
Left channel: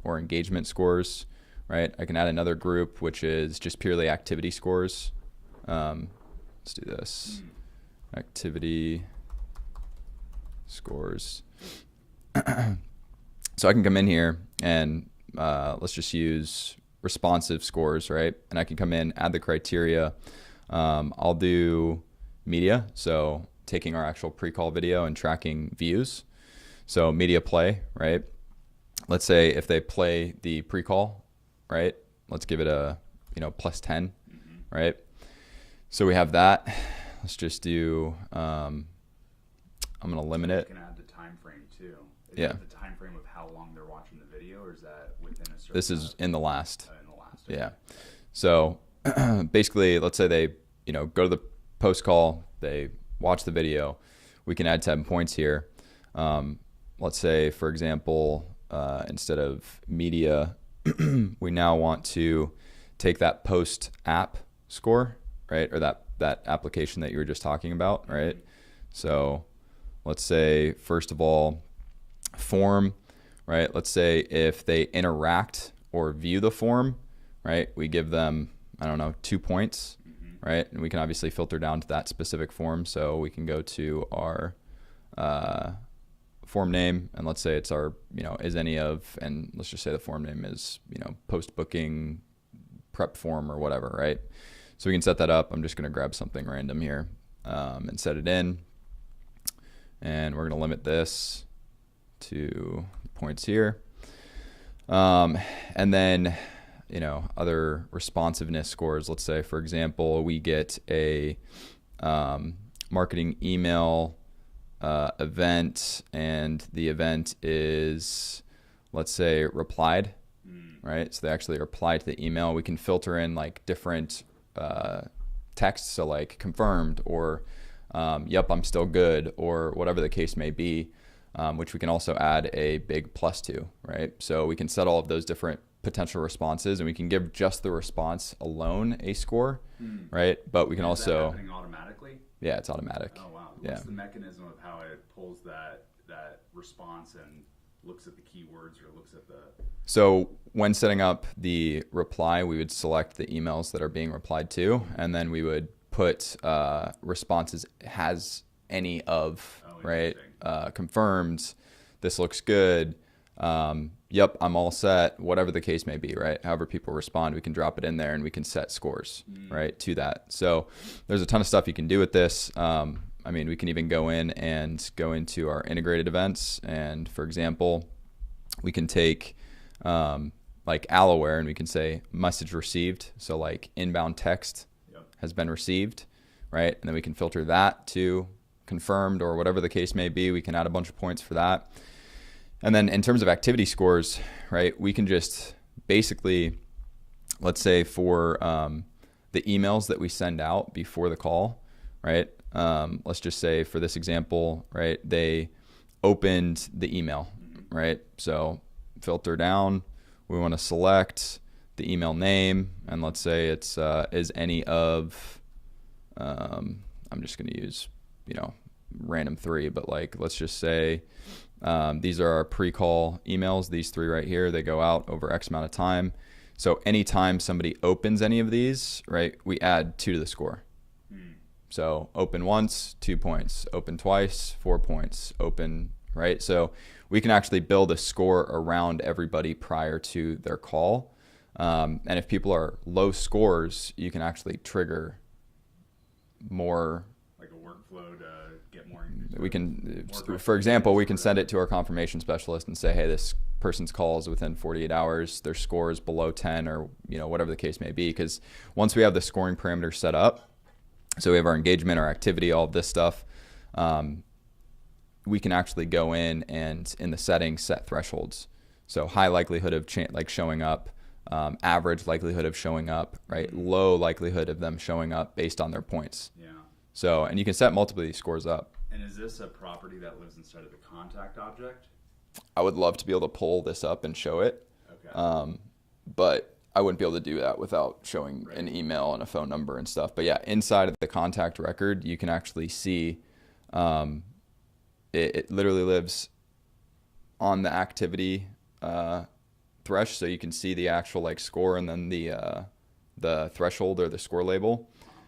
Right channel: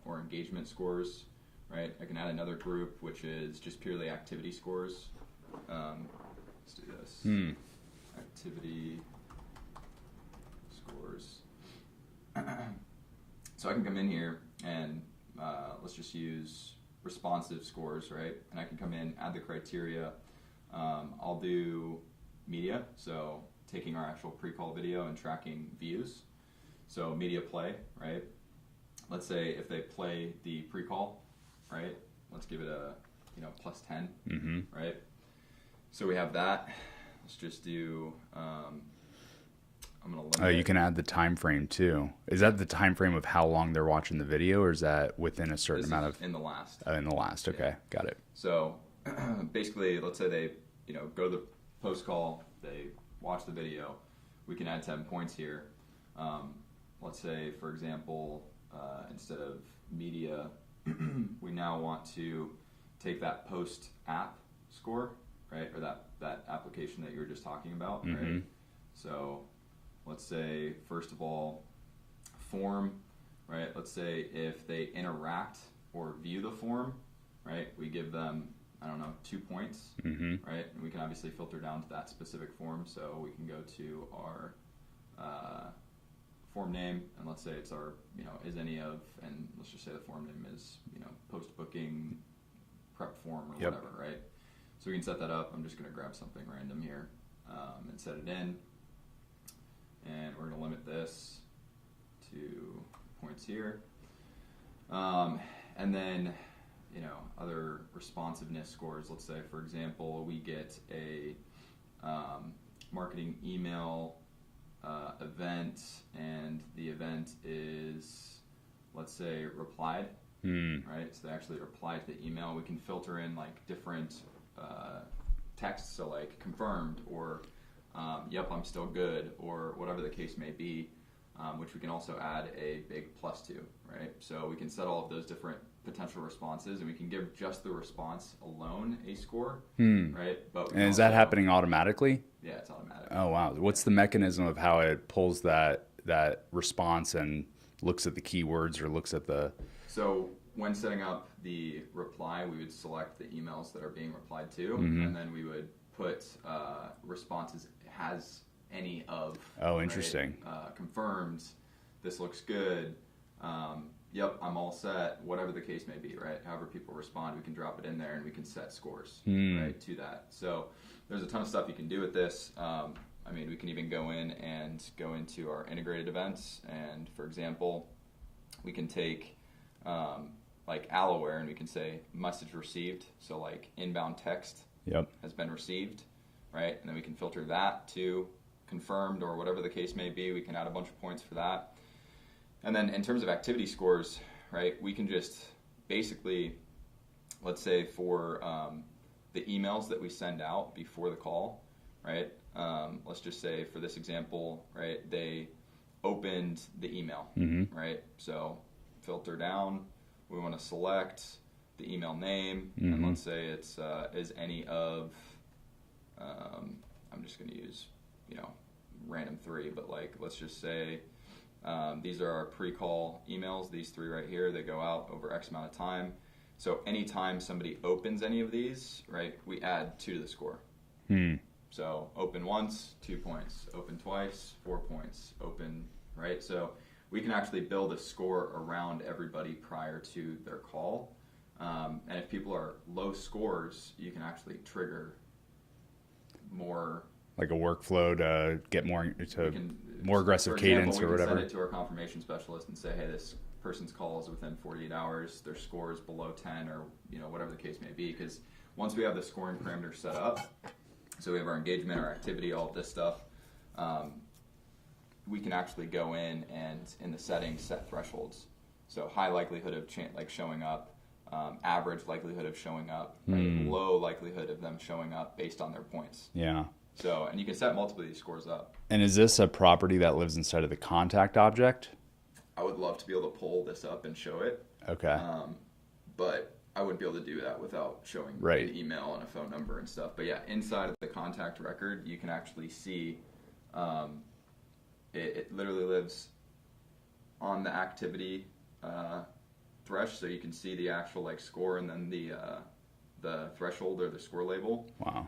or engagement scores, right? I can add another group, which is just purely activity scores. Let's do this. Activity scores. So I can come in here and let's just use responsive scores, right? And I can come in, add the criteria. I'll do media, so taking our actual pre-call video and tracking views. So media play, right? Let's say if they play the pre-call, right? Let's give it a, plus 10, right? So we have that. Let's just do, I'm going to limit it. You can add the time frame too. Is that the time frame of how long they're watching the video, or is that within a certain amount of? In the last. In the last, okay. Yeah. Got it. So basically, let's say they, go to the post call, they watch the video. We can add 10 points here. Let's say, for example, instead of media, we now want to take that post app score, right? Or that application that you were just talking about, right? So let's say, first of all, form, right? Let's say if they interact or view the form, right? We give them, 2 points, right? And we can obviously filter down to that specific form. So we can go to our form name, and let's say it's our, is any of, and let's just say the form name is, post-booking prep form or whatever, right? So we can set that up. I'm just going to grab something random here and set it in. and we're going to limit this to points here. And then, other responsiveness scores. Let's say, for example, we get a marketing email event, and the event is, let's say, replied, right? So they actually reply to the email. We can filter in like different texts, so like confirmed or yep, I'm still good, or whatever the case may be, which we can also add a big plus to, right? So we can set all of those different potential responses, and we can give just the response alone a score, right? But we can And is also, that happening automatically? Yeah, it's automatic. Oh, wow. What's the mechanism of how it pulls that response and looks at the keywords or looks at the... So when setting up the reply, we would select the emails that are being replied to, and then we would put responses has any of, interesting. Right? Confirmed, this looks good, yep, I'm all set, whatever the case may be, right? However people respond, we can drop it in there and we can set scores, right, to that. So there's a ton of stuff you can do with this. I mean, we can even go in and go into our integrated events. And for example, we can take like Alloware, and we can say message received. So like inbound text has been received, right? And then we can filter that to confirmed or whatever the case may be. We can add a bunch of points for that. And then in terms of activity scores, right, we can just basically, let's say for the emails that we send out before the call, right? Let's just say for this example, right, they opened the email, right? So filter down, we want to select the email name, and let's say it's is any of, I'm just going to use, random 3, but like, let's just say these are our pre-call emails, these 3 right here, they go out over X amount of time. So anytime somebody opens any of these, right, we add 2 to the score. So open once, 2 points, open twice, 4 points, open, right? So we can actually build a score around everybody prior to their call. And if people are low scores, you can actually trigger more, like a workflow to get more, we can, more aggressive. For example, we can send it to our confirmation specialist and say, hey, this person's call is within 48 hours, their score is below 10, or whatever the case may be. Because once we have the scoring parameters set up, so we have our engagement, our activity, all of this stuff, we can actually go in and in the settings set thresholds. So high likelihood of showing up, average likelihood of showing up, right? Low likelihood of them showing up based on their points. Yeah. So, and you can set multiple of these scores up. And is this a property that lives inside of the contact object? I would love to be able to pull this up and show it. Okay. But I wouldn't be able to do that without showing an email and a phone number and stuff. But yeah, inside of the contact record, you can actually see it literally lives on the activity thresh. So you can see the actual score and then the threshold or the score label. Wow.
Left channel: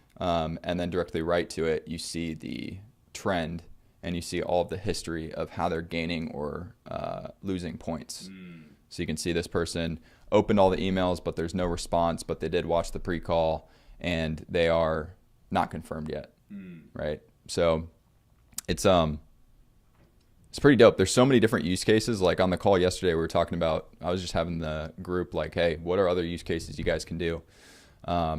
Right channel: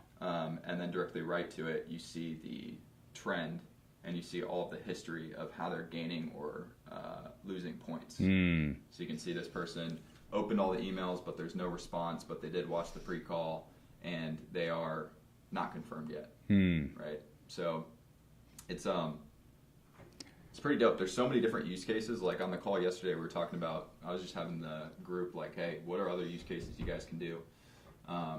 And then directly right to it, you see the trend, and you see all of the history of how they're gaining or losing points. So you can see this person opened all the emails, but there's no response, but they did watch the pre-call, and they are not confirmed yet, right? So it's pretty dope. There's so many different use cases. Like on the call yesterday, we were talking about, I was just having the group like, hey, what are other use cases you guys can do? I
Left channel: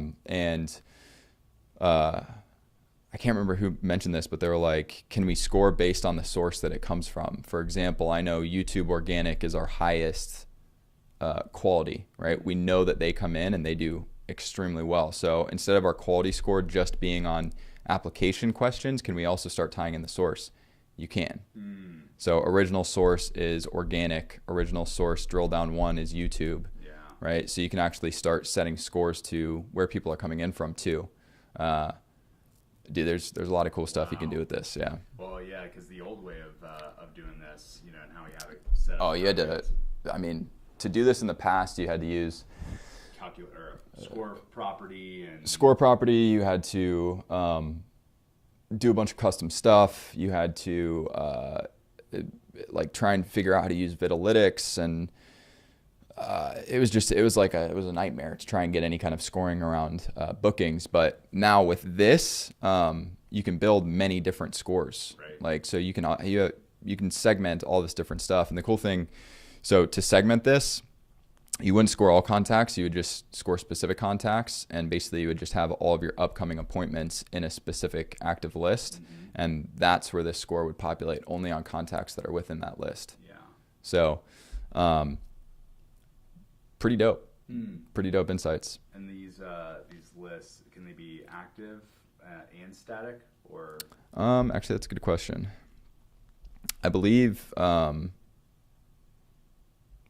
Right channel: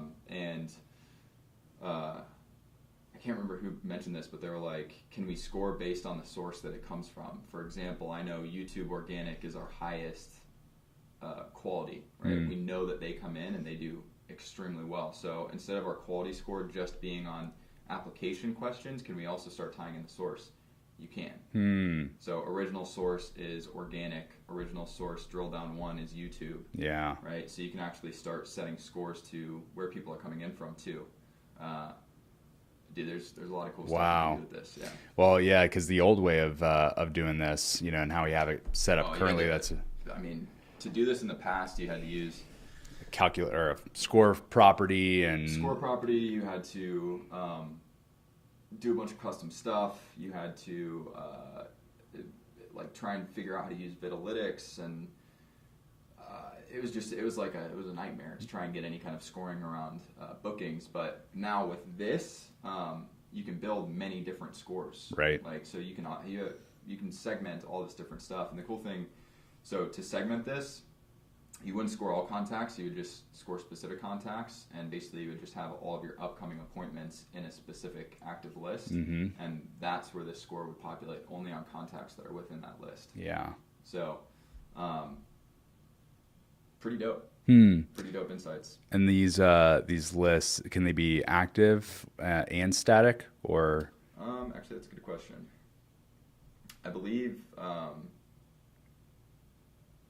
can't remember who mentioned this, but they were like, can we score based on the source that it comes from? For example, I know YouTube organic is our highest quality, right? We know that they come in and they do extremely well. So instead of our quality score just being on application questions, can we also start tying in the source? You can. So original source is organic. Original source drill down 1 is YouTube. Yeah. Right. So you can actually start setting scores to where people are coming in from too. Dude, there's a lot of cool stuff you can do with this. Yeah. Well, yeah, because the old way of doing this, and how we have it set up. Oh, you had to. I mean, to do this in the past, you had to use calculator or score property and score property. You had to do a bunch of custom stuff. You had to try and figure out how to use Vitalytics, and it was a nightmare to try and get any kind of scoring around bookings. But now with this, you can build many different scores, Right. like, so you can segment all this different stuff. And the cool thing, so to segment this, you wouldn't score all contacts, you would just score specific contacts, and basically you would just have all of your upcoming appointments in a specific active list, and that's where this score would populate, only on contacts that are within that list. Yeah. So pretty dope. Pretty dope insights. And these lists, can they be active and static, or? Actually, that's a good question. I believe, yeah,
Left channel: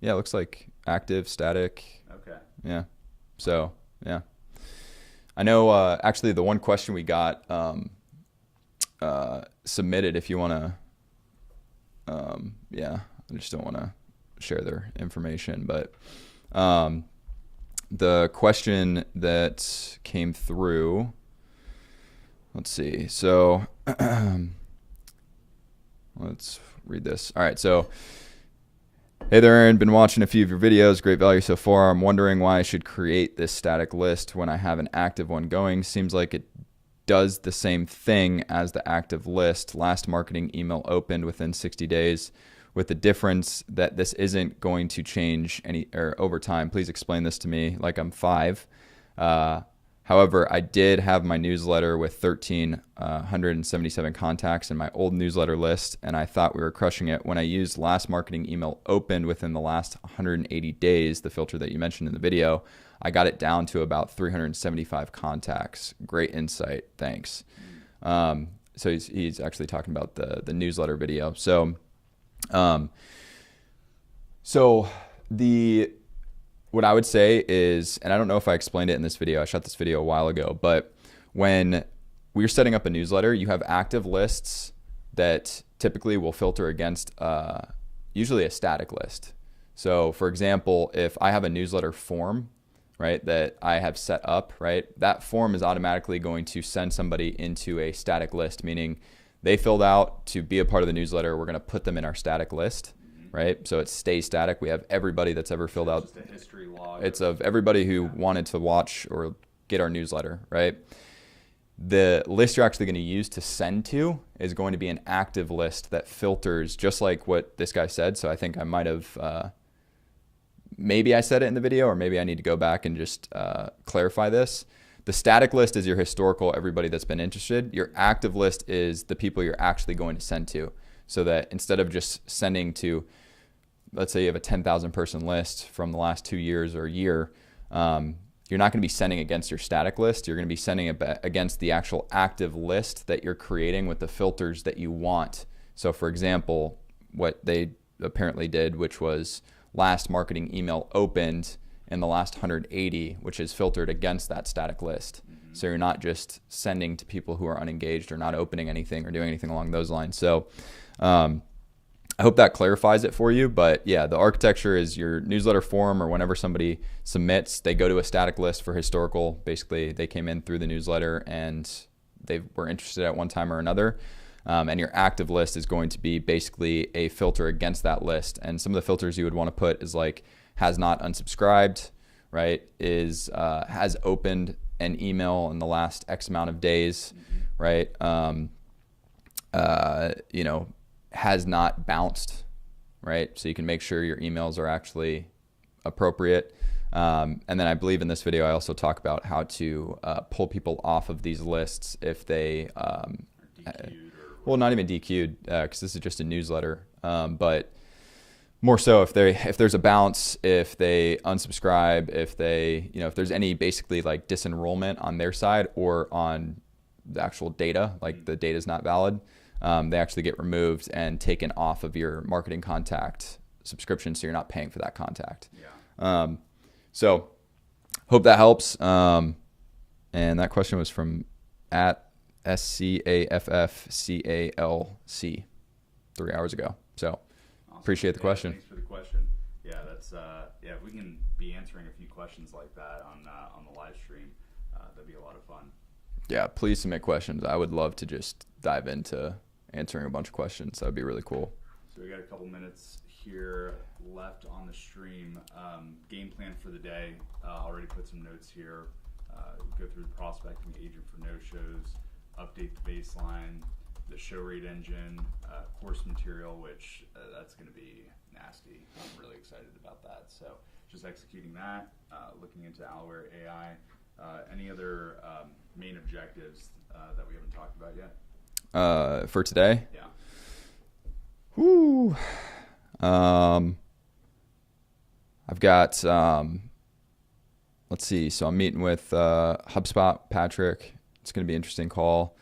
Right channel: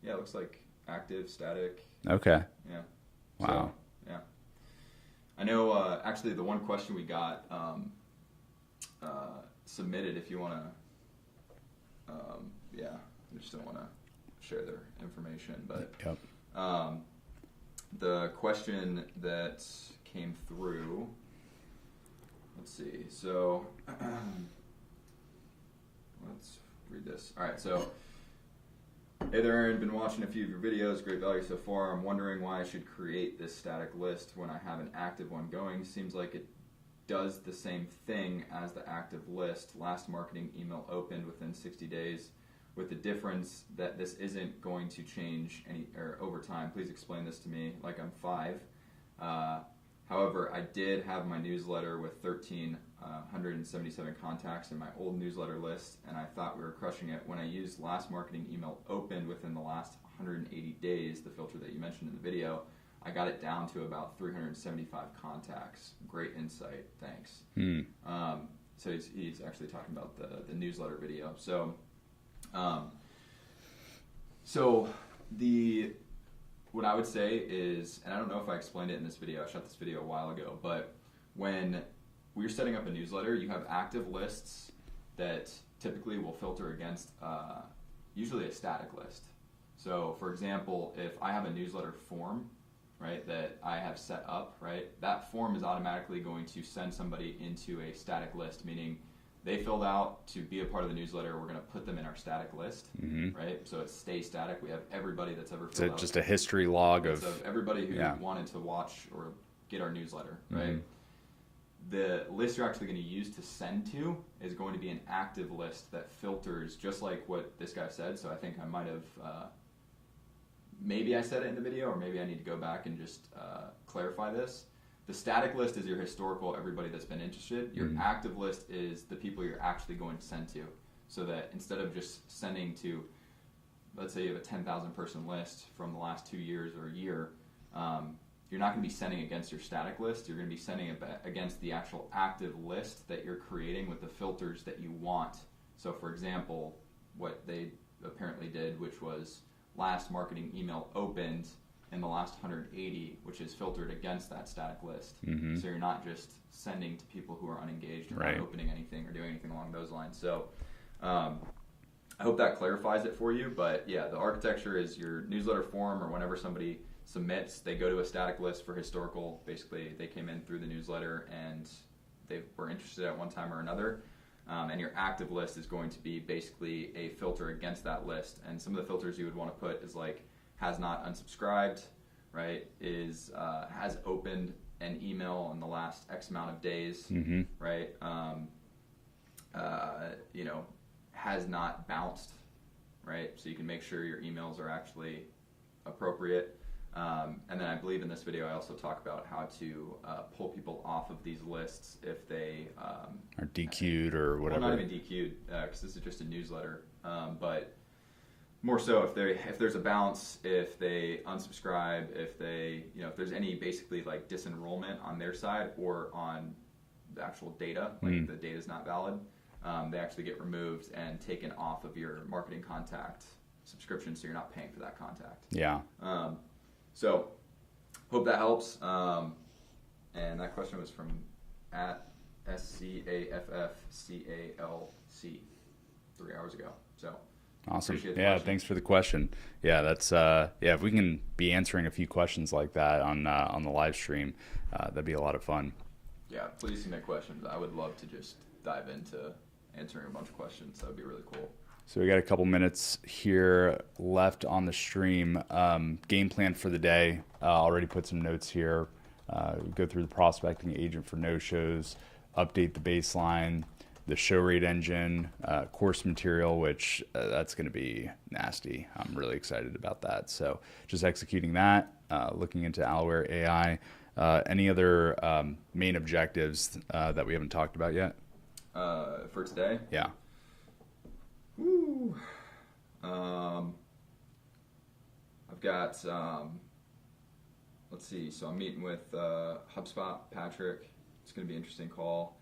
it looks like active, static. Okay. Yeah. Wow. So, yeah. I know, actually, the one question we got submitted, if you want to, yeah, I just don't want to share their information, but the question that came through, let's see. So let's read this. All right. So, hey there, Aaron. Been watching a few of your videos. Great value so far. I'm wondering why I should create this static list when I have an active one going. Seems like it does the same thing as the active list. Last marketing email opened within 60 days. With the difference that this isn't going to change over time. Please explain this to me like I'm 5. However, I did have my newsletter with 1,377 contacts in my old newsletter list, and I thought we were crushing it. When I used last marketing email opened within the last 180 days, the filter that you mentioned in the video, I got it down to about 375 contacts. Great insight. Thanks. So he's actually talking about the newsletter video. So what I would say is, and I don't know if I explained it in this video, I shot this video a while ago, but when we're setting up a newsletter, you have active lists that typically will filter against usually a static list. So for example, if I have a newsletter form, right, that I have set up, right, that form is automatically going to send somebody into a static list, meaning they filled out to be a part of the newsletter. We're going to put them in our static list, right? So it stays static. We have everybody that's ever filled out. Just a history log. It's of everybody who wanted to watch or get our newsletter, right? The list you're actually going to use to send to is going to be an active list that filters just like what this guy said. So I think I might have, maybe I said it in the video, or maybe I need to go back and just clarify this. The static list is your historical, everybody that's been interested. Your active list is the people you're actually going to send to. So that instead of just sending to, let's say you have a 10,000 person list from the last 2 years or a year, you're not going to be sending against your static list. You're going to be sending against the actual active list that you're creating with the filters that you want. So for example, what they apparently did, which was last marketing email opened in the last 180, which is filtered against that static list. So you're not just sending to people who are unengaged or not opening anything or doing anything along those lines. So I hope that clarifies it for you. But yeah, the architecture is your newsletter form, or whenever somebody submits, they go to a static list for historical. Basically, they came in through the newsletter and they were interested at one time or another. And your active list is going to be basically a filter against that list. And some of the filters you would want to put is like, has not unsubscribed, right? Has opened an email in the last X amount of days, right? Has not bounced, right? So you can make sure your emails are actually appropriate. And then I believe in this video, I also talk about how to pull people off of these lists if they are DQ'd or whatever. Well, not even DQ'd, because this is just a newsletter, but more so if there's a bounce, if they unsubscribe, if there's any basically like disenrollment on their side or on the actual data, like the data is not valid, they actually get removed and taken off of your marketing contact subscription, so you're not paying for that contact. Yeah. So hope that helps. And that question was from at SCAFFCALC 3 hours ago. So awesome. Appreciate the question. Thanks for the question. Yeah, that's if we can be answering a few questions like that on the live stream, that'd be a lot of fun. Yeah, please submit questions. I would love to just dive into answering a bunch of questions. That'd be really cool. So we got a couple minutes here left on the stream. Game plan for the day. Already put some notes here. Go through the prospecting agent for no-shows. update the baseline, the show rate engine, course material, which that's going to be nasty. I'm really excited about that. So just executing that, looking into Alware AI. Any other main objectives that we haven't talked about yet? For today? Yeah. Woo. I've got, let's see. So I'm meeting with HubSpot, Patrick. It's going to be an interesting call.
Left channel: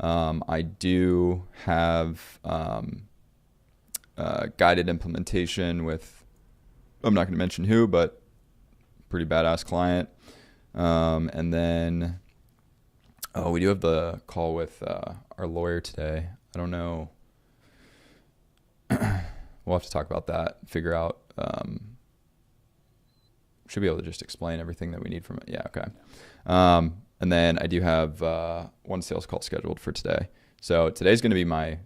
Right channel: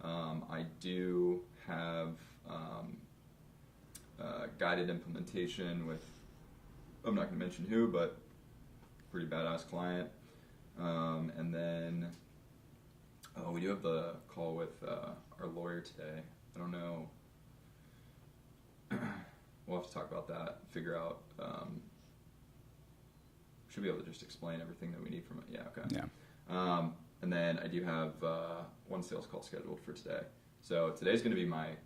I do have guided implementation with, I'm not going to mention who, but pretty badass client. And then, we do have the call with our lawyer today. I don't know. We'll have to talk about that, figure out. Should be able to just explain everything that we need from it. Yeah, okay. Yeah. And then I do have one sales call scheduled for today. So today's going to be my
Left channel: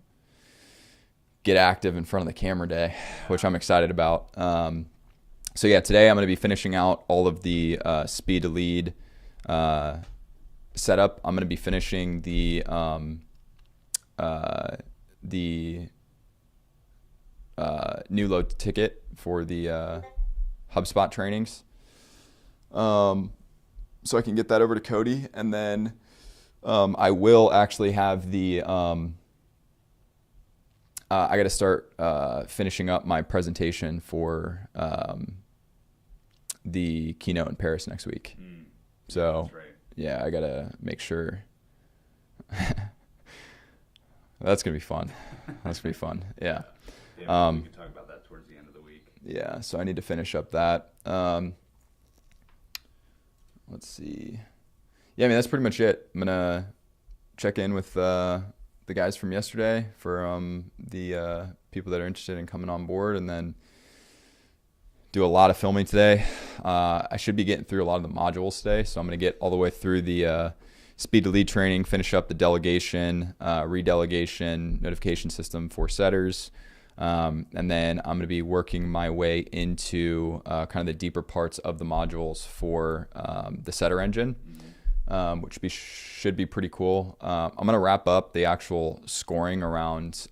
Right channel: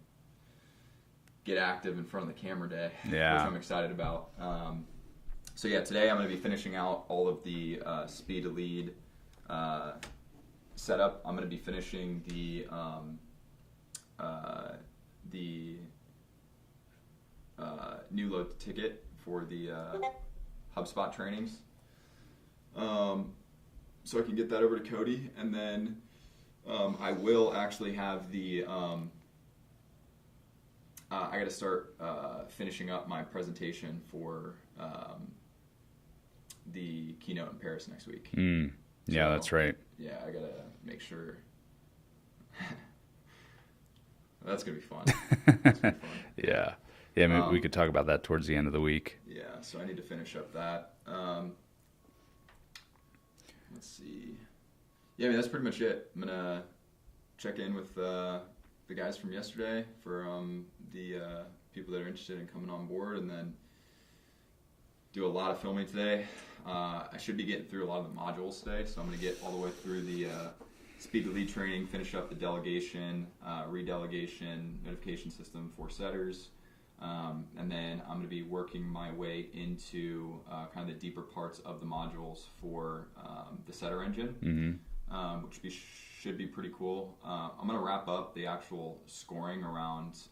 get active in front of the camera day, which I'm excited about. So yeah, today I'm going to be finishing out all of the speed to lead setup. I'm going to be finishing the new load ticket for the HubSpot trainings. So I can get that over to Cody, and then I will actually have the I got to start finishing up my presentation for the keynote in Paris next week. Yeah, So, that's right. Yeah, I got to make sure. That's going to be fun. That's going to be fun. Yeah. Yeah, maybe we could talk about that towards the end of the week. Yeah, so I need to finish up that. Let's see. Yeah, I mean, that's pretty much it. I'm going to check in with the guys from yesterday for the people that are interested in coming on board, and then do a lot of filming today. I should be getting through a lot of the modules today, so I'm going to get all the way through the speed to lead training, finish up the delegation, redelegation, notification system for setters. And then I'm going to be working my way into kind of the deeper parts of the modules for the setter engine, which should be pretty cool. I'm going to wrap up the actual scoring around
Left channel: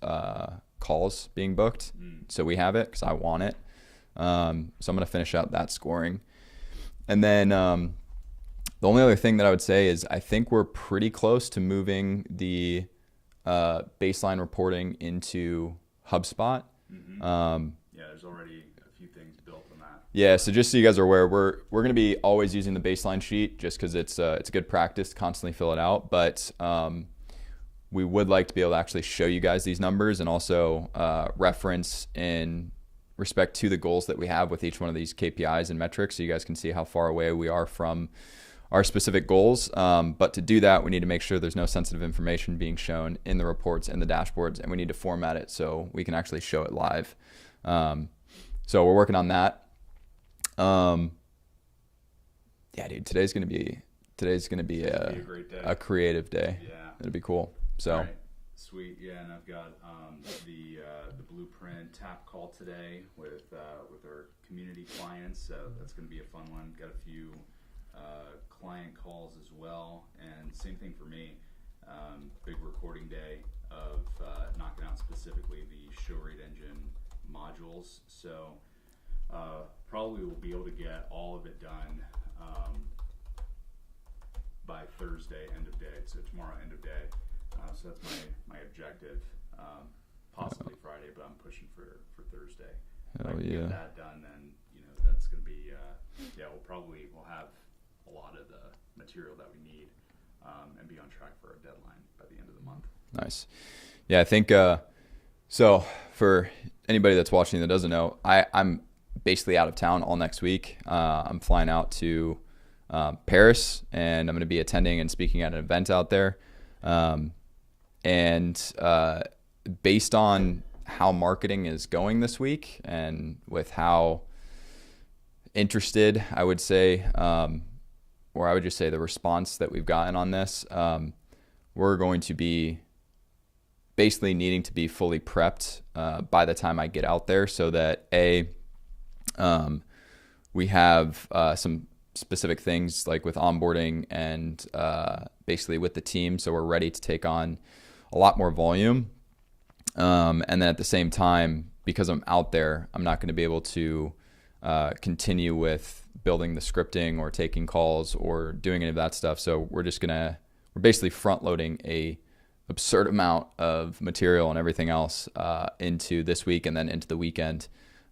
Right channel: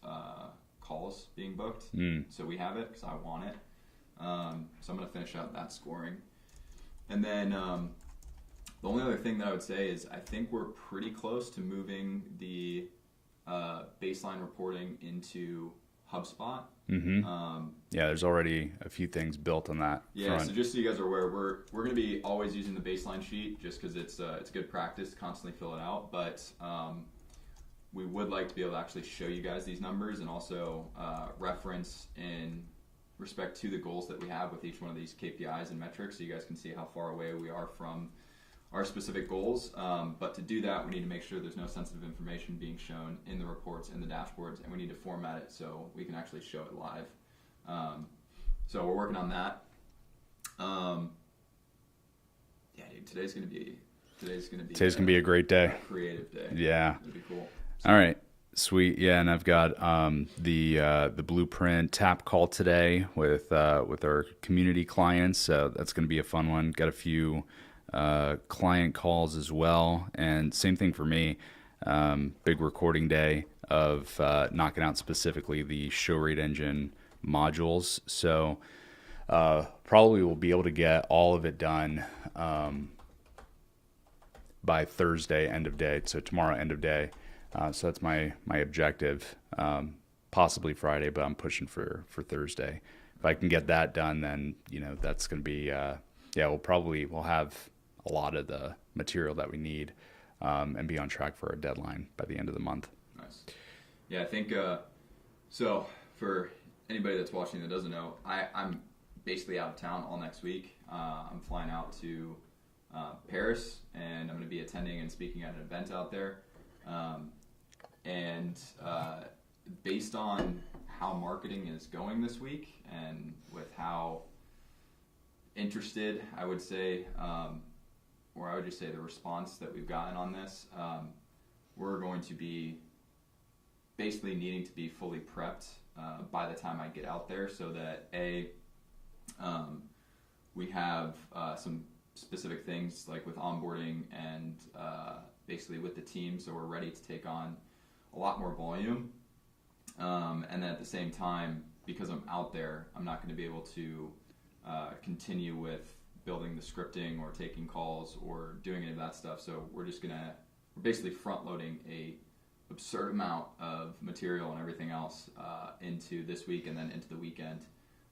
calls being booked. So we have it because I want it. So I'm going to finish out that scoring. And then the only other thing that I would say is I think we're pretty close to moving the baseline reporting into HubSpot. Yeah, there's already a few things built on that. Yeah, so just so you guys are aware, we're going to be always using the baseline sheet just because it's good practice to constantly fill it out. But we would like to be able to actually show you guys these numbers and also reference in respect to the goals that we have with each one of these KPIs and metrics, so you guys can see how far away we are from our specific goals. But to do that, we need to make sure there's no sensitive information being shown in the reports and the dashboards, and we need to format it so we can actually show it live. So we're working on that. Yeah, dude, today's gonna be a great day, a creative day. Yeah, it'll be cool. So, all right, sweet. Yeah, and I've got the blueprint tap call today with our community clients. So that's gonna be a fun one. Got a few client calls as well, and same thing for me. Big recording day of knocking out specifically the show rate engine modules. So probably we'll be able to get all of it done by Thursday end of day. So tomorrow end of day. So that's my objective. Possibly Friday, but I'm pushing for Thursday. If I can get that done, then that's going to be we'll have a lot of the material that we need and be on track for our deadline by the end of the month. Nice. Yeah, I think so. For anybody that's watching that doesn't know, I'm basically out of town all next week. I'm flying out to Paris, and I'm going to be attending and speaking at an event out there. And based on how marketing is going this week, and with how interested I would say, or I would just say the response that we've gotten on this, we're going to be basically needing to be fully prepped by the time I get out there, so that we have some specific things like with onboarding and basically with the team. So we're ready to take on a lot more volume. And then at the same time, because I'm out there, I'm not going to be able to continue with building the scripting or taking calls or doing any of that stuff. So we're basically front loading a absurd amount of material and everything else into this week and then into the weekend,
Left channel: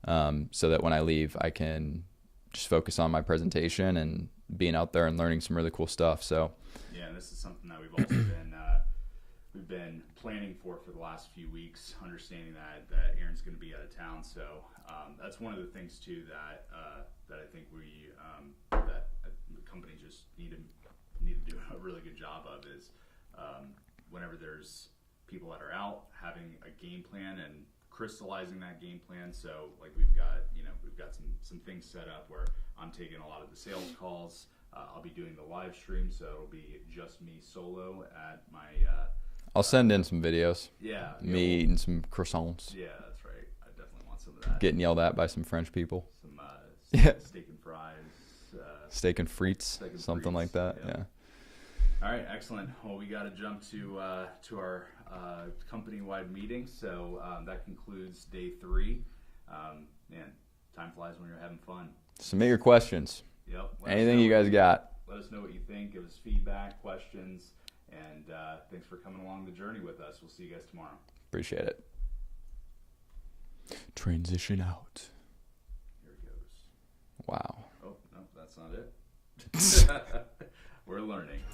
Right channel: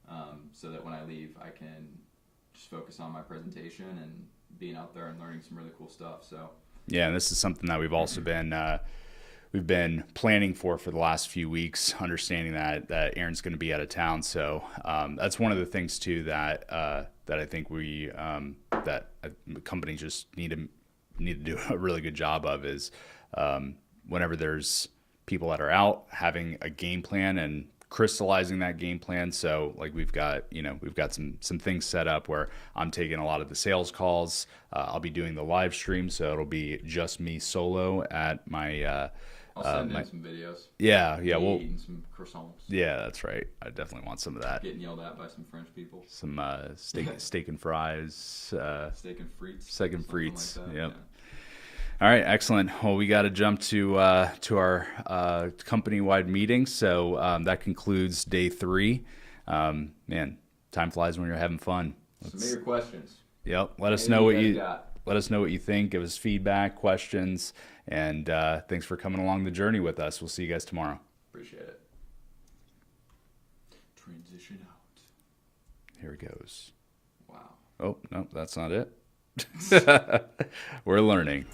so that when I leave, I can just focus on my presentation and being out there and learning some really cool stuff. So yeah, and this is something that we've also been we've been planning for the last few weeks, understanding that Aaron's going to be out of town. So that's one of the things too that I think that companies just need to do a really good job of is whenever there's people that are out, having a game plan and crystallizing that game plan. So like we've got some things set up where I'm taking a lot of the sales calls. I'll be doing the live stream, so it'll be just me solo at my I'll send in some videos. Yeah, Me eating some croissants. Yeah, that's right. I definitely want some of that. Getting yelled at by some French people. Some steak and fries. Steak and frites. Something like that. Yep. Yeah. All right, excellent. Well, we got to jump to our company-wide meeting. So that concludes day 3. Man, time flies when you're having fun. Submit your questions. Yep. Let us know what you got. Let us know what you think. Give us feedback, questions, and thanks for coming along the journey with us. We'll see you guys tomorrow. Appreciate it. Transition out. Here it goes. Wow. Oh, no, that's not it. We're learning.